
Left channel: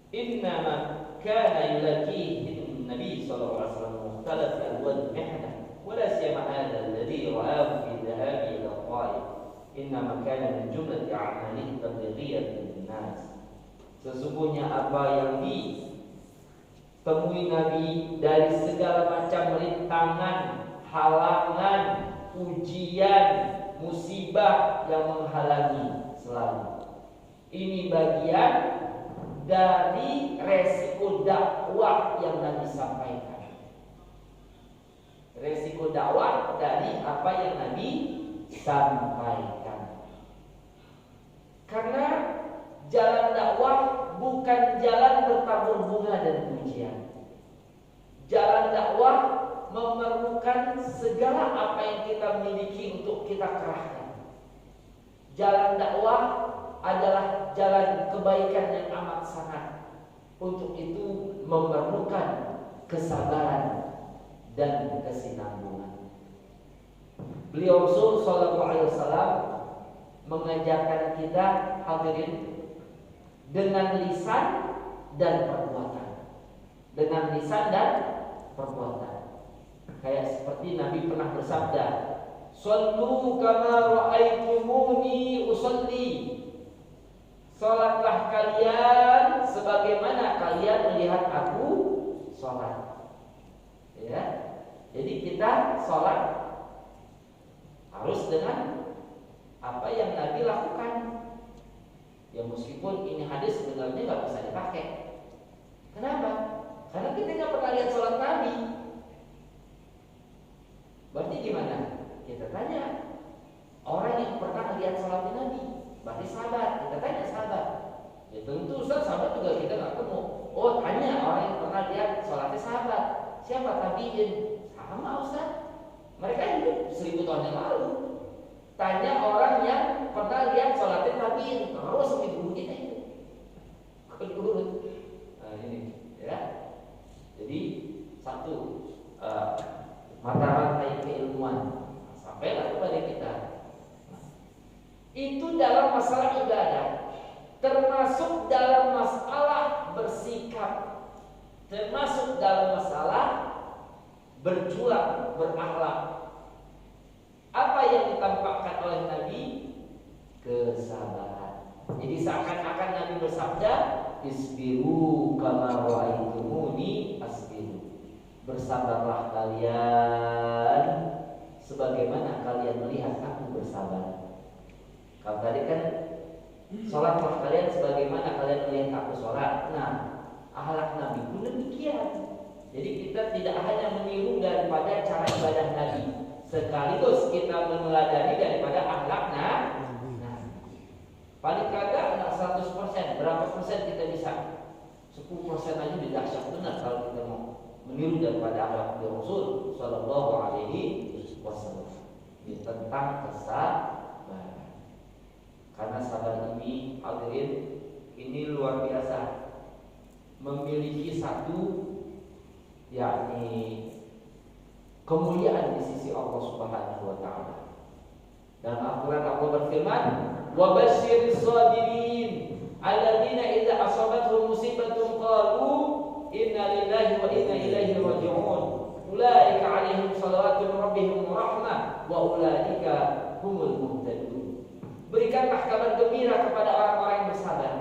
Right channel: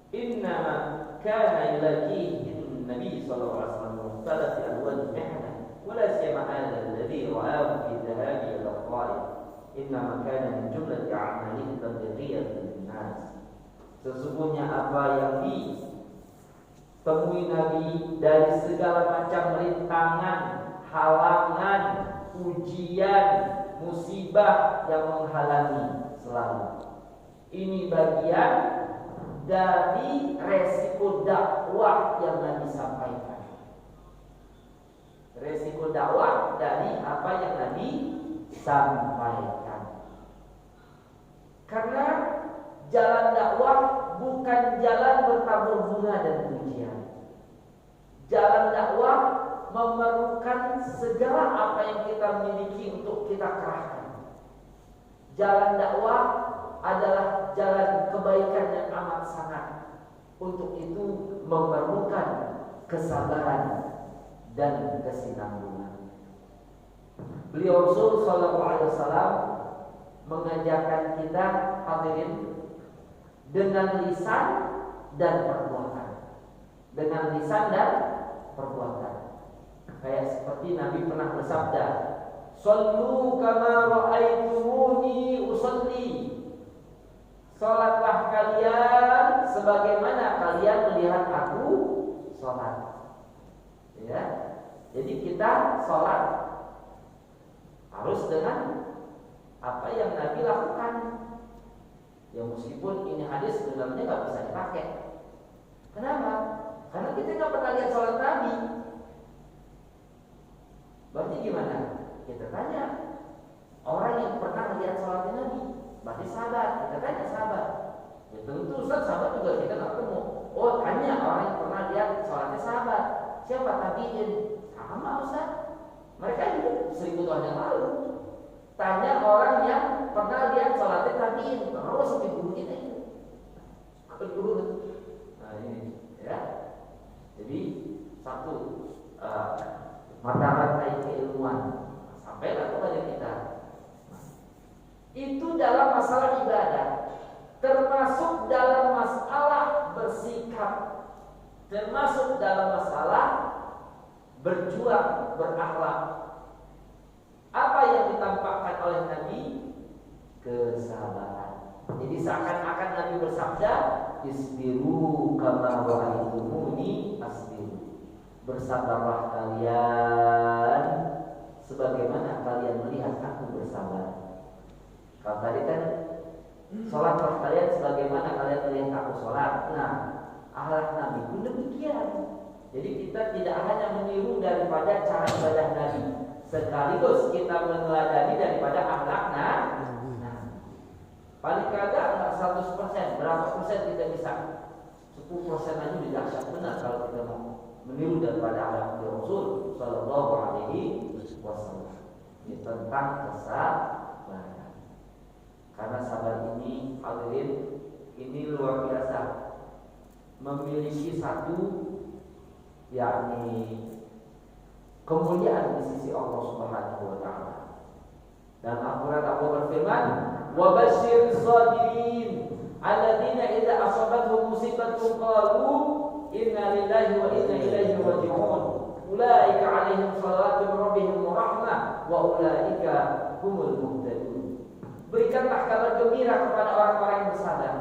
"Innama kana yulaqihi Nabi sallallahu alaihi wasallam mukhtalaf alwan mihna wa la siyama hadha alladhi ra'ahu fi dhahabi ila al-Ta'if. Innama kana min jumlati a'malihi tablighiyah lin-nas." Sesungguhnya apa yang ditemui Nabi dari segala macam rintangan, halangan, ujian, musibah yang menghalangi selalu. Ini bagian dari resiko dakwah yang Nabi sampaikan. Resiko dakwah dari apa yang Nabi sampaikan. Karena jalan dakwah bukan jalan bertabur bunga dan pujian. Jalan dakwah memerlukan segala apa yang kita miliki untuk kita kerahkan. Jalan dakwah adalah jalan kebaikan yang amat sangat. Untuk itu memerlukan kesabaran dan kesinambungan. Beliau Rasul sallallahu alaihi wasallam mengajarkan kita hadirin dengan lisan dan perbuatan. Dengan lisan dan perbuatan. Kayak seperti Nabi pernah bersabda, "Shallu kama ra'aitumuni usalli." Salatlah kalian sebagaimana kalian melihat aku salat. Ya. Jadi kita salat harus dengan apa yang Nabi lakukan. Ya meskipun ini hadis sebenarnya nggak bisa dipakai. Kenapa? Karena kita nggak pernah lihat salat Nabi. Berarti gimana? Kita tanya orang yang pernah lihat salatnya Nabi. Berarti sahabat. Kita tanya sahabat. Ya tentu Ustaz, sahabat juga kita nggak ketemu. Oh, tanya orang yang pernah lihat salatnya sahabat. Siapa tabiin? Sama Ustaz. Mereka hidup 1000 tahun yang lalu. Tanya orang yang pernah lihat salatnya tabiin. Terus sampai guru kita itu. Kedurut. Nah ini, ya. Jadi satu mata rantai keilmuan sampailah kepada kita. Itu dalam masalah ibadah, termasuk dalam masalah bersikap, termasuk dalam masalah berjuang, berakhlak. Apa yang ditampakkan oleh Nabi? Kesabaran. Jadi seakan-akan Nabi bersabda, "Isbiru kama ra'aitumuni asbiru." Bersabarlah kalian sebagaimana kalian melihat aku bersabar. Kalau tadi kan sholatlah kalian sebagaimana kalian melihat aku sholat. Nah, akhlak Nabi pun demikian. Jadi kita tidak hanya meniru daripada cara ibadah Nabi, sekaligus kita meneladani daripada akhlak Nabi. Paling kagak 100%, berapa persen kita bisa? 10% aja sudah dahsyat benar kalau kita mau meniru daripada akhlak Rasul sallallahu alaihi wasallam. Ini tentang kesabaran. Karena sabar ini, hadirin, ini luar biasa. Memiliki satu yakni kemuliaan di sisi Allah Subhanahu wa taala. Dan Al-Qur'an Allah berfirman, "Wa basyiris sabirin alladzina idza asabatuhum musibatun qalu inna lillahi wa inna ilaihi raji'un. Ulaika 'alaihim shalawatu min rabbihim wa rahmah wa ulaika humul muhtadun." Berikanlah kabar gembira kepada orang-orang yang bersabar.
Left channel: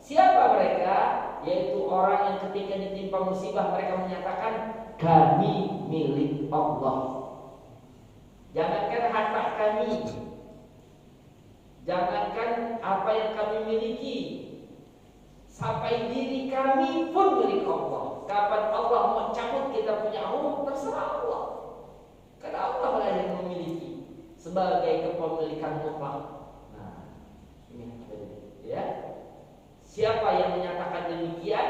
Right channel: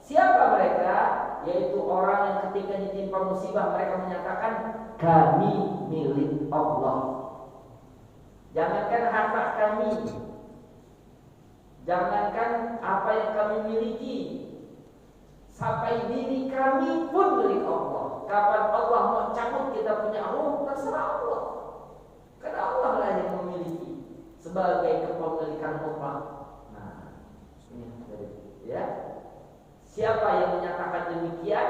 Siapa mereka? Yaitu orang yang ketika ditimpa musibah mereka menyatakan, "Kami milik Allah." Jangankan harta kami, jangankan apa yang kami miliki, sampai diri kami pun milik Allah. Kapan Allah mau cabut kita punya ruh, terserah Allah. Karena Allah lah yang memiliki sebagai kepemilikan mutlak. Nah, ini ya. Siapa yang menyatakan demikian,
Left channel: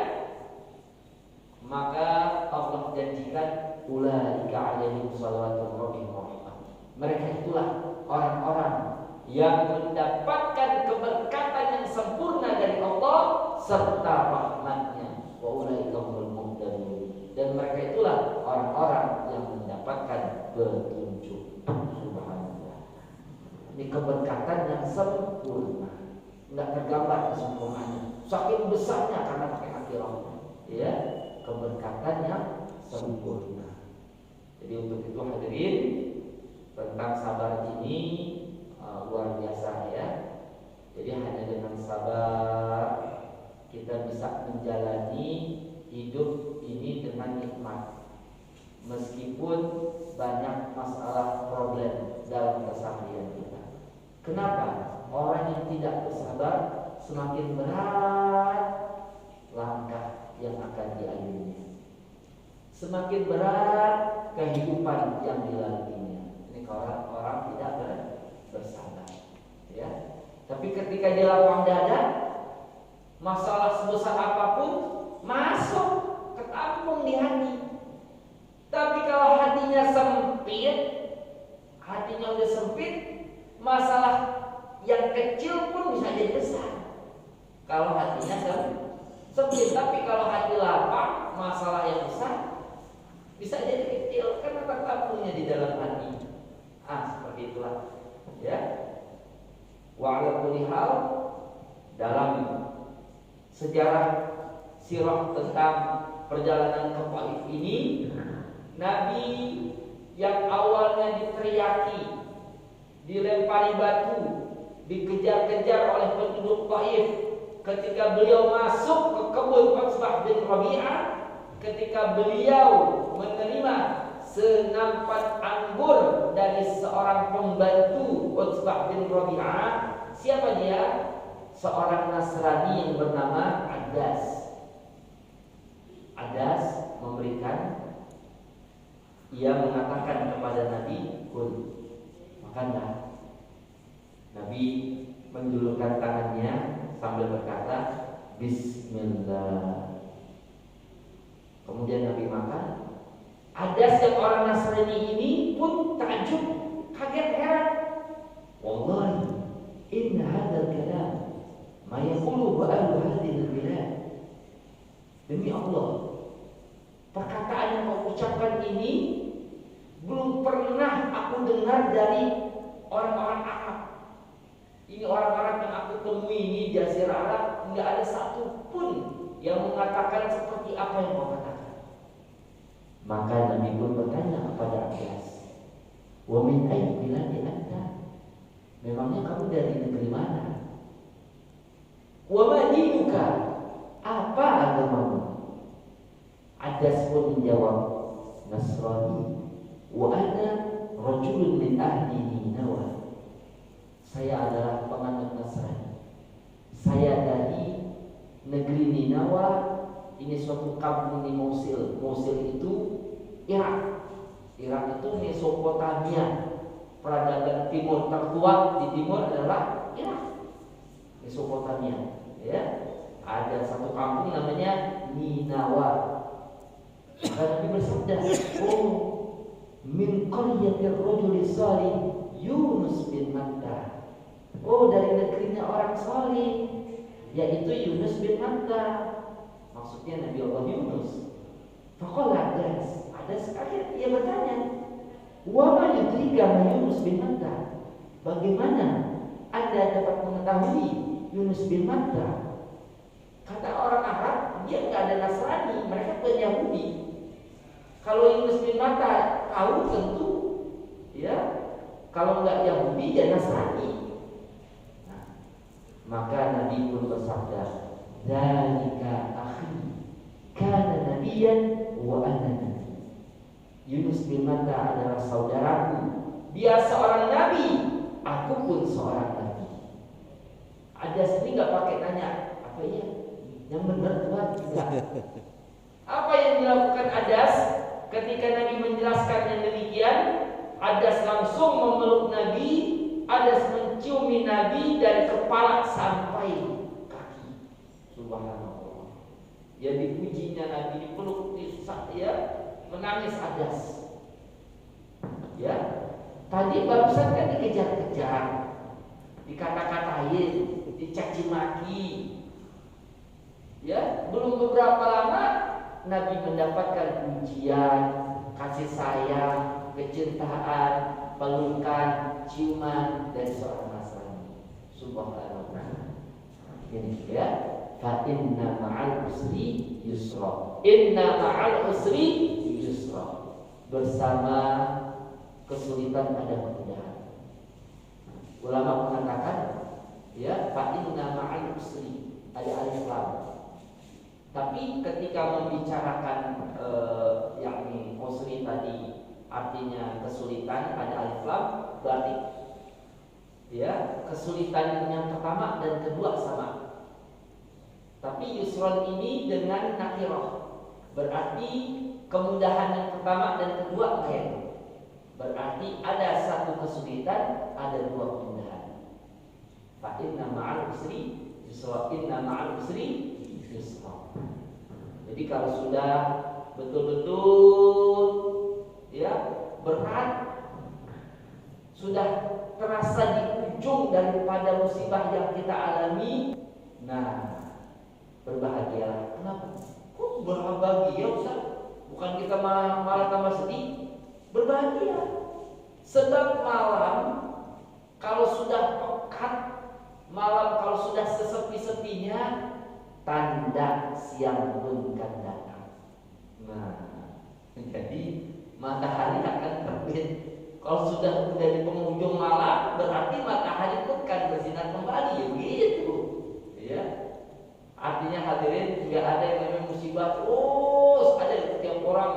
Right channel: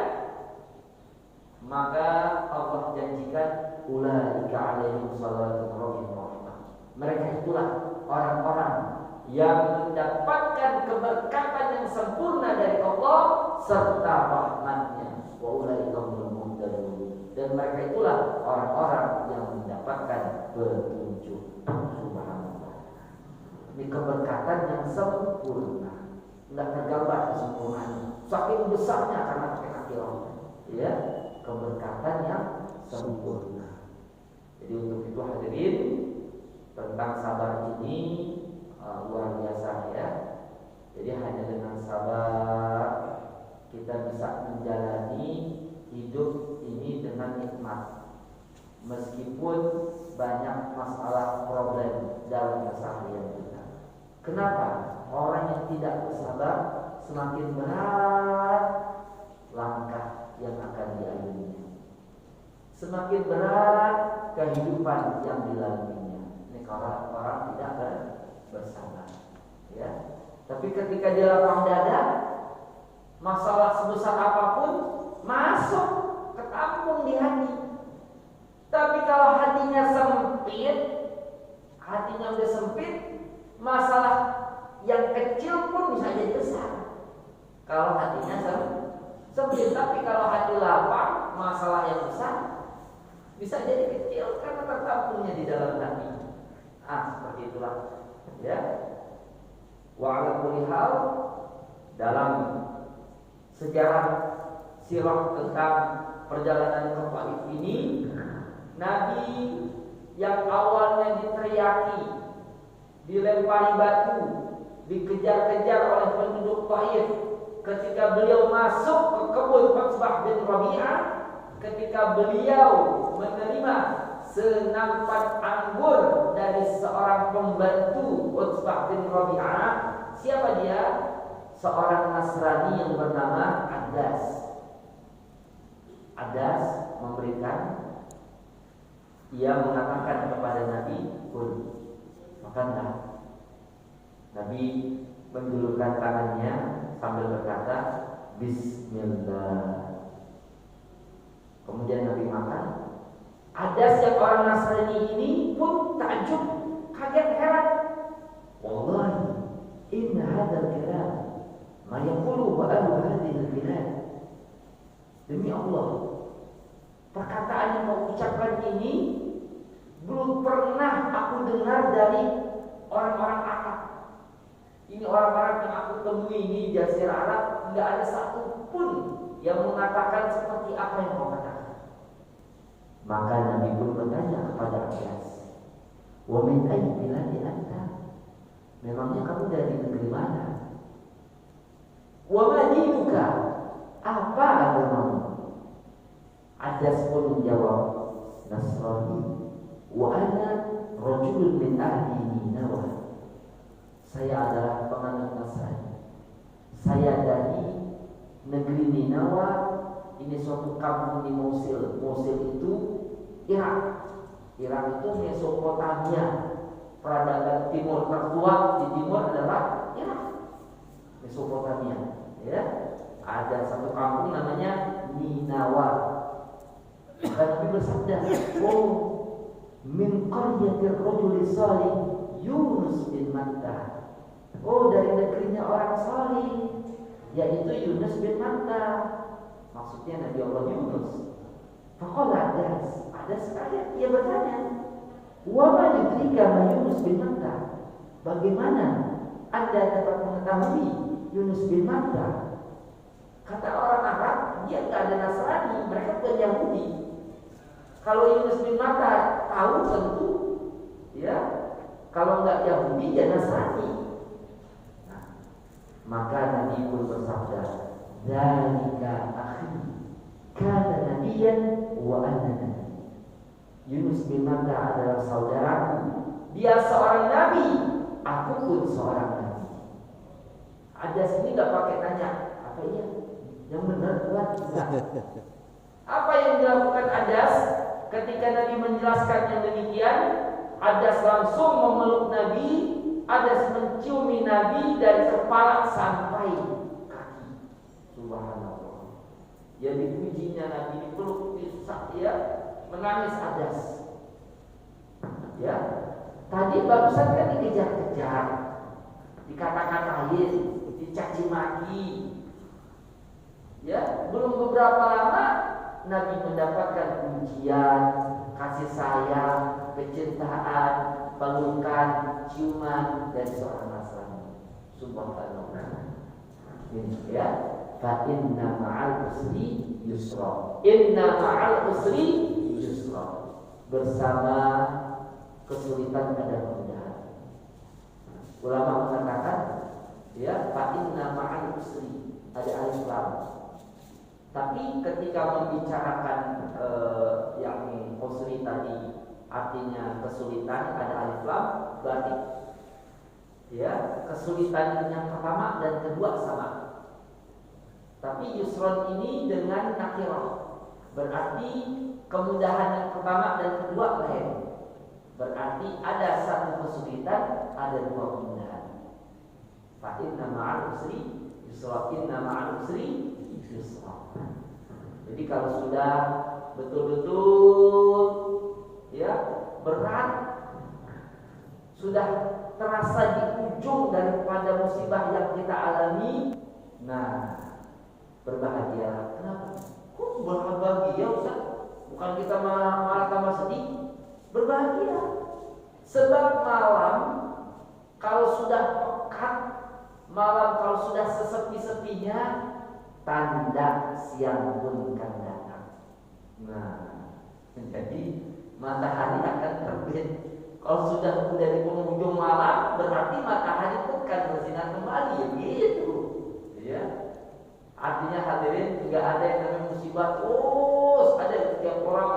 maka Allah janjikan ulaika alaihim shalawatu min rabbihim wa rahmah. Mereka itulah orang-orang yang mendapatkan keberkatan yang sempurna dari Allah serta rahmatnya. Wa ulaika humul muhtadun. Dan mereka itulah orang-orang yang mendapatkan petunjuk. Subhanallah. Ini keberkatan yang sempurna. Enggak tergambar kesempurnaannya. Saking besarnya karena pakai hati Allah. Ya, keberkatan yang sempurna. Jadi untuk itu hadirin, tentang sabar ini luar biasa ya. Jadi hanya dengan sabar kita bisa menjalani hidup ini dengan nikmat. meskipun banyak masalah problem dalam keseharian kita. Kenapa? Orang yang tidak bersabar semakin berat langkah yang akan dialuinya, semakin berat kehidupan yang dilaluinya. Ini kalau orang tidak bersabar, ya. Tapi ketika dia lapang dada, masalah sebesar apapun masuk ketampung di hati. Tapi kalau hatinya sempit, hatinya udah sempit, masalah yang kecil pun bisa jadi besar. Kalau hatinya sempit, tapi kalau hati lapang, masalah yang besar bisa jadi kecil karena tertampungnya di dalam hati. Seperti itulah, ya. Wa ala kulli hal, dalam sejarah sirah tentang perjalanan ke Taif ini, Nabi yang awalnya diteriaki, dilempari batu, dikejar-kejar oleh penduduk Taif, ketika beliau masuk ke kebun Utsbah bin Rabi'ah, ketika beliau menerima senampan anggur dari seorang pembantu Utsbah bin Rabi'ah. Siapa dia? Seorang Nasrani yang bernama Adas. Adas memberikan, ia mengatakan kepada Nabi, "Kun, makanlah." Nabi menjulurkan tangannya sambil berkata, "Bismillah." Kemudian Nabi makan. Adas yang orang Nasrani ini pun takjub, kaget, heran. "Wallahi, inna hadzal kalam ma yaqulu ba'al hadhihi al-bilad." Demi Allah, perkataan yang kau ucapkan ini belum pernah aku dengar dari orang-orang Arab. Ini orang-orang yang aku temui di Jazirah Arab, tidak ada satupun yang mengatakan seperti apa yang kau katakan. Maka Nabi pun bertanya kepada Abbas, "Wa min ayyi biladi anta?" Memangnya kamu dari negeri mana? "Wa ma dinuka?" Apa agamamu? Adas pun menjawab, "Nasrani wa ana rajulun min ahli Ninawa." Saya adalah penganut Nasrani. Saya dari negeri Ninawa. Ini suatu kampung di Mosul. Mosul itu Irak. Irak itu Mesopotamia. Peradaban timur tertua di timur adalah Irak, Mesopotamia. Ya, ada satu kampung namanya Ninawa. Maka Nabi bersabda, "Oh, min qaryatir rajul salih Yunus bin Matta." Oh, dari negerinya orang salih, yaitu Yunus bin Matta. Maksudnya Nabi Allah Yunus. Faqala Adas kaget, ia bertanya, "Wa ma yudrika ma Yunus bin Matta?" Bagaimana Anda dapat mengetahui Yunus bin Matta? Kata orang Arab, dia enggak ada Nasrani, mereka bukan Yahudi. Kalau Yunus bin Matta tahu tentu, ya. Kalau enggak Yahudi, dia Nasrani. Maka Nabi pun bersabda, "Dzalika akhi, kana nabiyyan wa ana nabi." Yunus bin Matta adalah saudaraku. Dia seorang nabi, aku pun seorang nabi. Adas ini nggak pakai tanya, apa iya? Yang benar buat kita. Apa yang dilakukan Adas ketika Nabi menjelaskan yang demikian? Adas langsung memeluk Nabi. Adas menciumi Nabi dari kepala sampai kaki. Subhanallah. Ya, dipujinya Nabi, dipeluk, ya, menangis Adas. Ya, tadi barusan kan dikejar-kejar, dikata-katain, dicaci maki. Ya, belum beberapa lama Nabi mendapatkan pujian, kasih sayang, kecintaan, pelukan, ciuman dari seorang Nasrani. Subhanallah. Ini ya, fa inna ma'al usri yusra. Inna ma'al usri yusra. Bersama kesulitan ada kemudahan. Ulama mengatakan, ya, fa inna ma'al usri, ada alif lam. Tapi ketika membicarakan yakni usri tadi artinya kesulitan, ada alif lam, berarti ya kesulitan yang pertama dan kedua sama. Tapi yusron ini dengan nakirah, berarti kemudahan yang pertama dan kedua lain. Berarti ada satu kesulitan, ada dua kemudahan. Fa inna ma'al usri yusra, inna ma'al usri yusra. Jadi kalau sudah betul-betul ya berat, sudah terasa di ujung daripada musibah yang kita alami, nah berbahagia. Kenapa? Kok berbahagia Ustaz? Bukan kita malah tambah sedih? Berbahagia. Sebab malam kalau sudah pekat, malam kalau sudah sesepi-sepinya, tanda siang pun akan datang. Nah, jadi matahari akan terbit. Kalau sudah di penghujung malam, berarti matahari pun akan bersinar kembali, ya gitu. Ya. Artinya hadirin, tidak ada yang namanya musibah terus ada di setiap orang.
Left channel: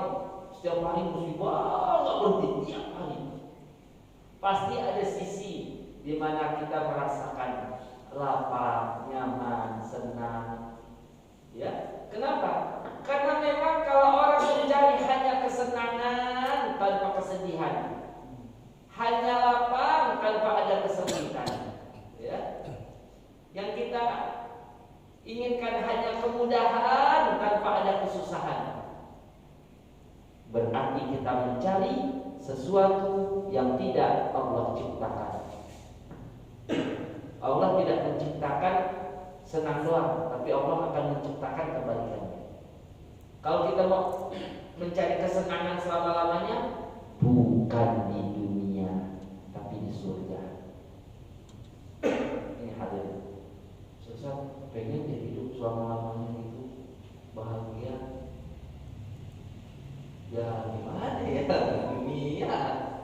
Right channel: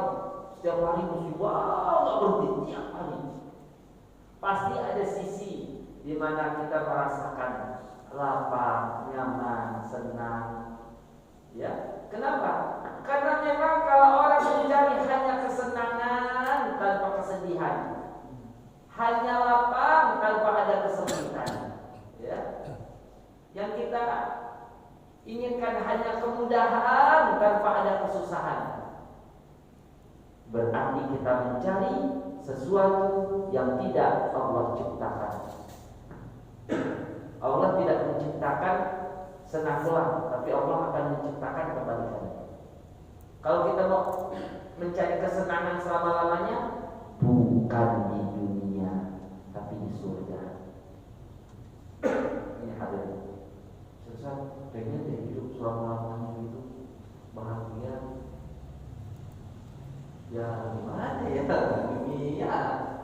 Setiap hari musibah nggak berhenti tiap hari. Pasti ada sisi di mana kita merasakan lapar, nyaman, senang. Ya, kenapa? Karena memang kalau orang mencari hanya kesenangan tanpa kesedihan, hanya lapang tanpa ada kesulitan, ya. Yang kita inginkan hanya kemudahan tanpa ada kesusahan. Berarti kita mencari sesuatu yang tidak Allah ciptakan. Allah tidak menciptakan senang doang, tapi Allah akan menciptakan kebalikannya. Kalau kita mau mencari kesenangan selama-lamanya, bukan di dunia, tapi di surga. Ini hadirin. Susah, pengen deh hidup selama-lamanya gitu, bahagia. Ya gimana ya, dunia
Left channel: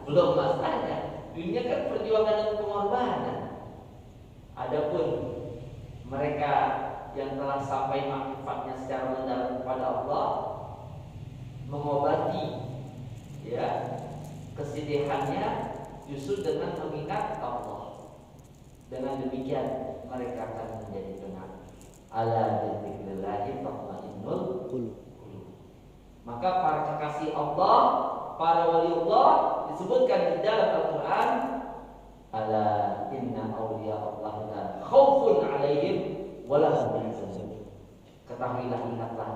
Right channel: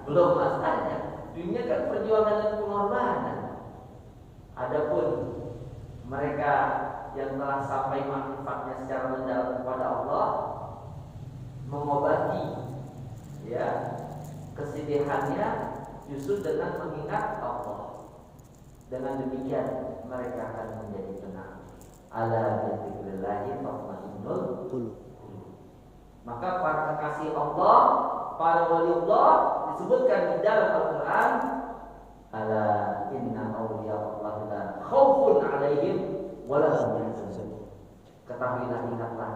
belum masanya. Dunia kan perjuangan dan pengorbanan. Adapun mereka yang telah sampai manfaatnya secara mendalam kepada Allah, mengobati ya kesedihannya justru dengan mengingat Allah. Dengan demikian mereka akan menjadi tenang. Ala dzikrillahi tatma'innul qulub. Maka para kekasih Allah, para wali Allah disebutkan di dalam Al-Quran, ala inna awliya Allah la khaufun alaihim wa la hum yahzanun. Ketahuilah, ingatlah,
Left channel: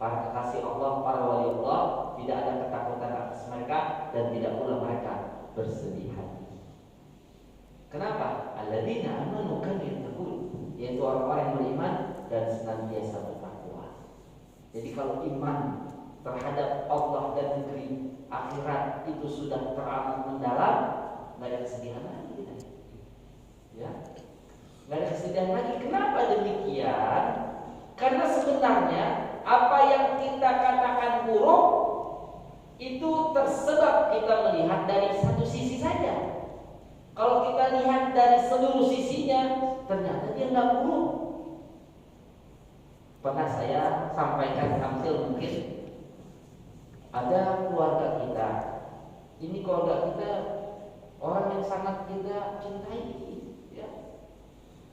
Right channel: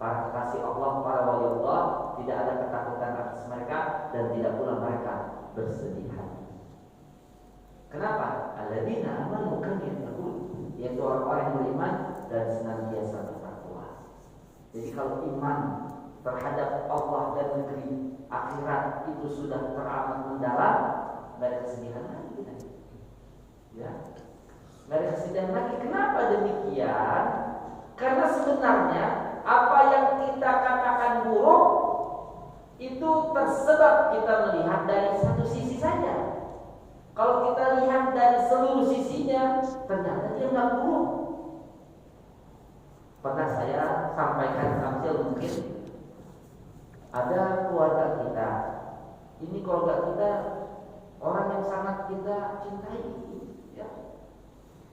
para kekasih Allah, para wali Allah tidak ada ketakutan atas mereka dan tidak pula mereka bersedih hati. Kenapa? Alladzina amanu kanu yattaqun, yaitu orang-orang yang beriman dan senantiasa bertakwa. Jadi kalau iman terhadap Allah dan negeri akhirat itu sudah teramat mendalam, nggak ada kesedihan lagi kita. Ya, nggak ada kesedihan lagi. Kenapa demikian? Karena sebenarnya apa yang kita katakan buruk itu tersebab kita melihat dari satu sisi saja. Kalau kita lihat dari seluruh sisinya, ternyata dia nggak buruk. Pernah saya sampaikan tampil mungkin. Ada keluarga kita, ini keluarga kita orang yang sangat kita cintai, ya,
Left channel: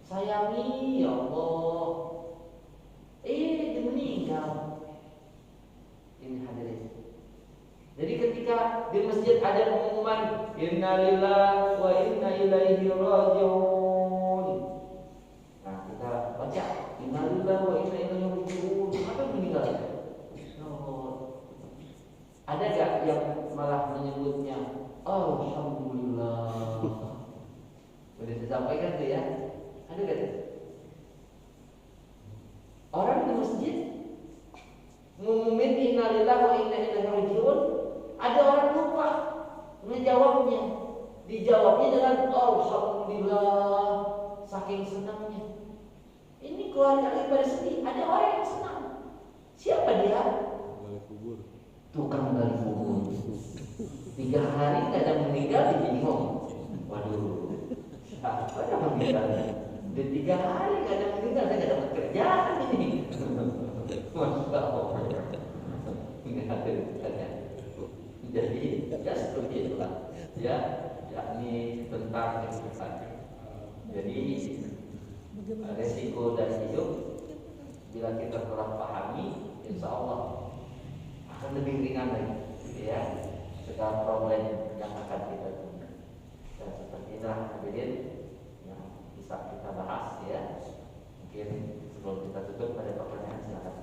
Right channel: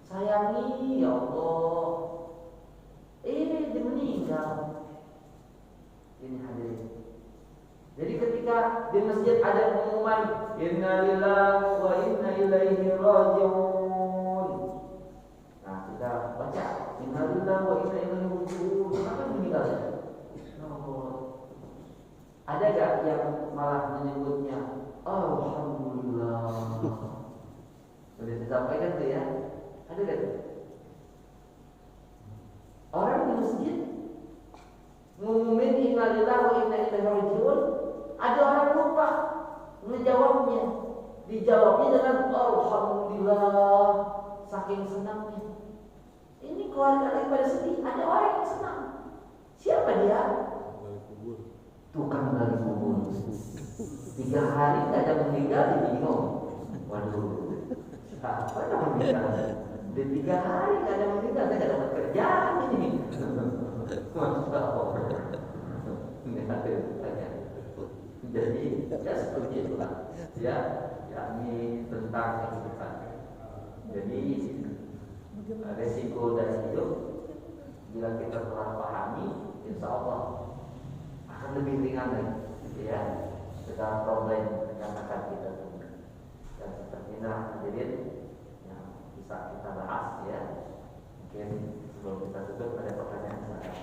sayangi, ya Allah. Dia meninggal. Ini hadirin. Jadi ketika di masjid ada pengumuman Inna lillahi wa inna ilaihi raji'un. Nah kita baca Inna lillahi wa inna ilaihi raji'un. Kenapa meninggal? Ada gak yang malah menyebutnya Alhamdulillah? Sudah disampaikan tuh ya. Ada gak tuh? Orang di masjid ngumumin innalillahi wa inna ilaihi raji'un, ada orang lupa menjawabnya. Dijawabnya dengan Alhamdulillah, saking senangnya. Ini keluarga lagi pada sedih, ada orang yang senang. Siapa dia? Tukang gali kubur. 3 hari gak ada meninggal, dia bingung. Waduh, apa yang meninggal? Di 3 hari gak ada meninggal, saya gak dapat kerjaan ini. Jadi ya seperti itulah ya, yakni tentang kehidupan. Jadi resiko dari hidup bila kita telah pahami, insya Allah akan lebih ringan lagi, ya, segala problem yang akan kita temui. Dan seperti inilah hadirin yang bisa kita bahas, ya. Mungkin sebelum kita tutup ada pertanyaan silakan.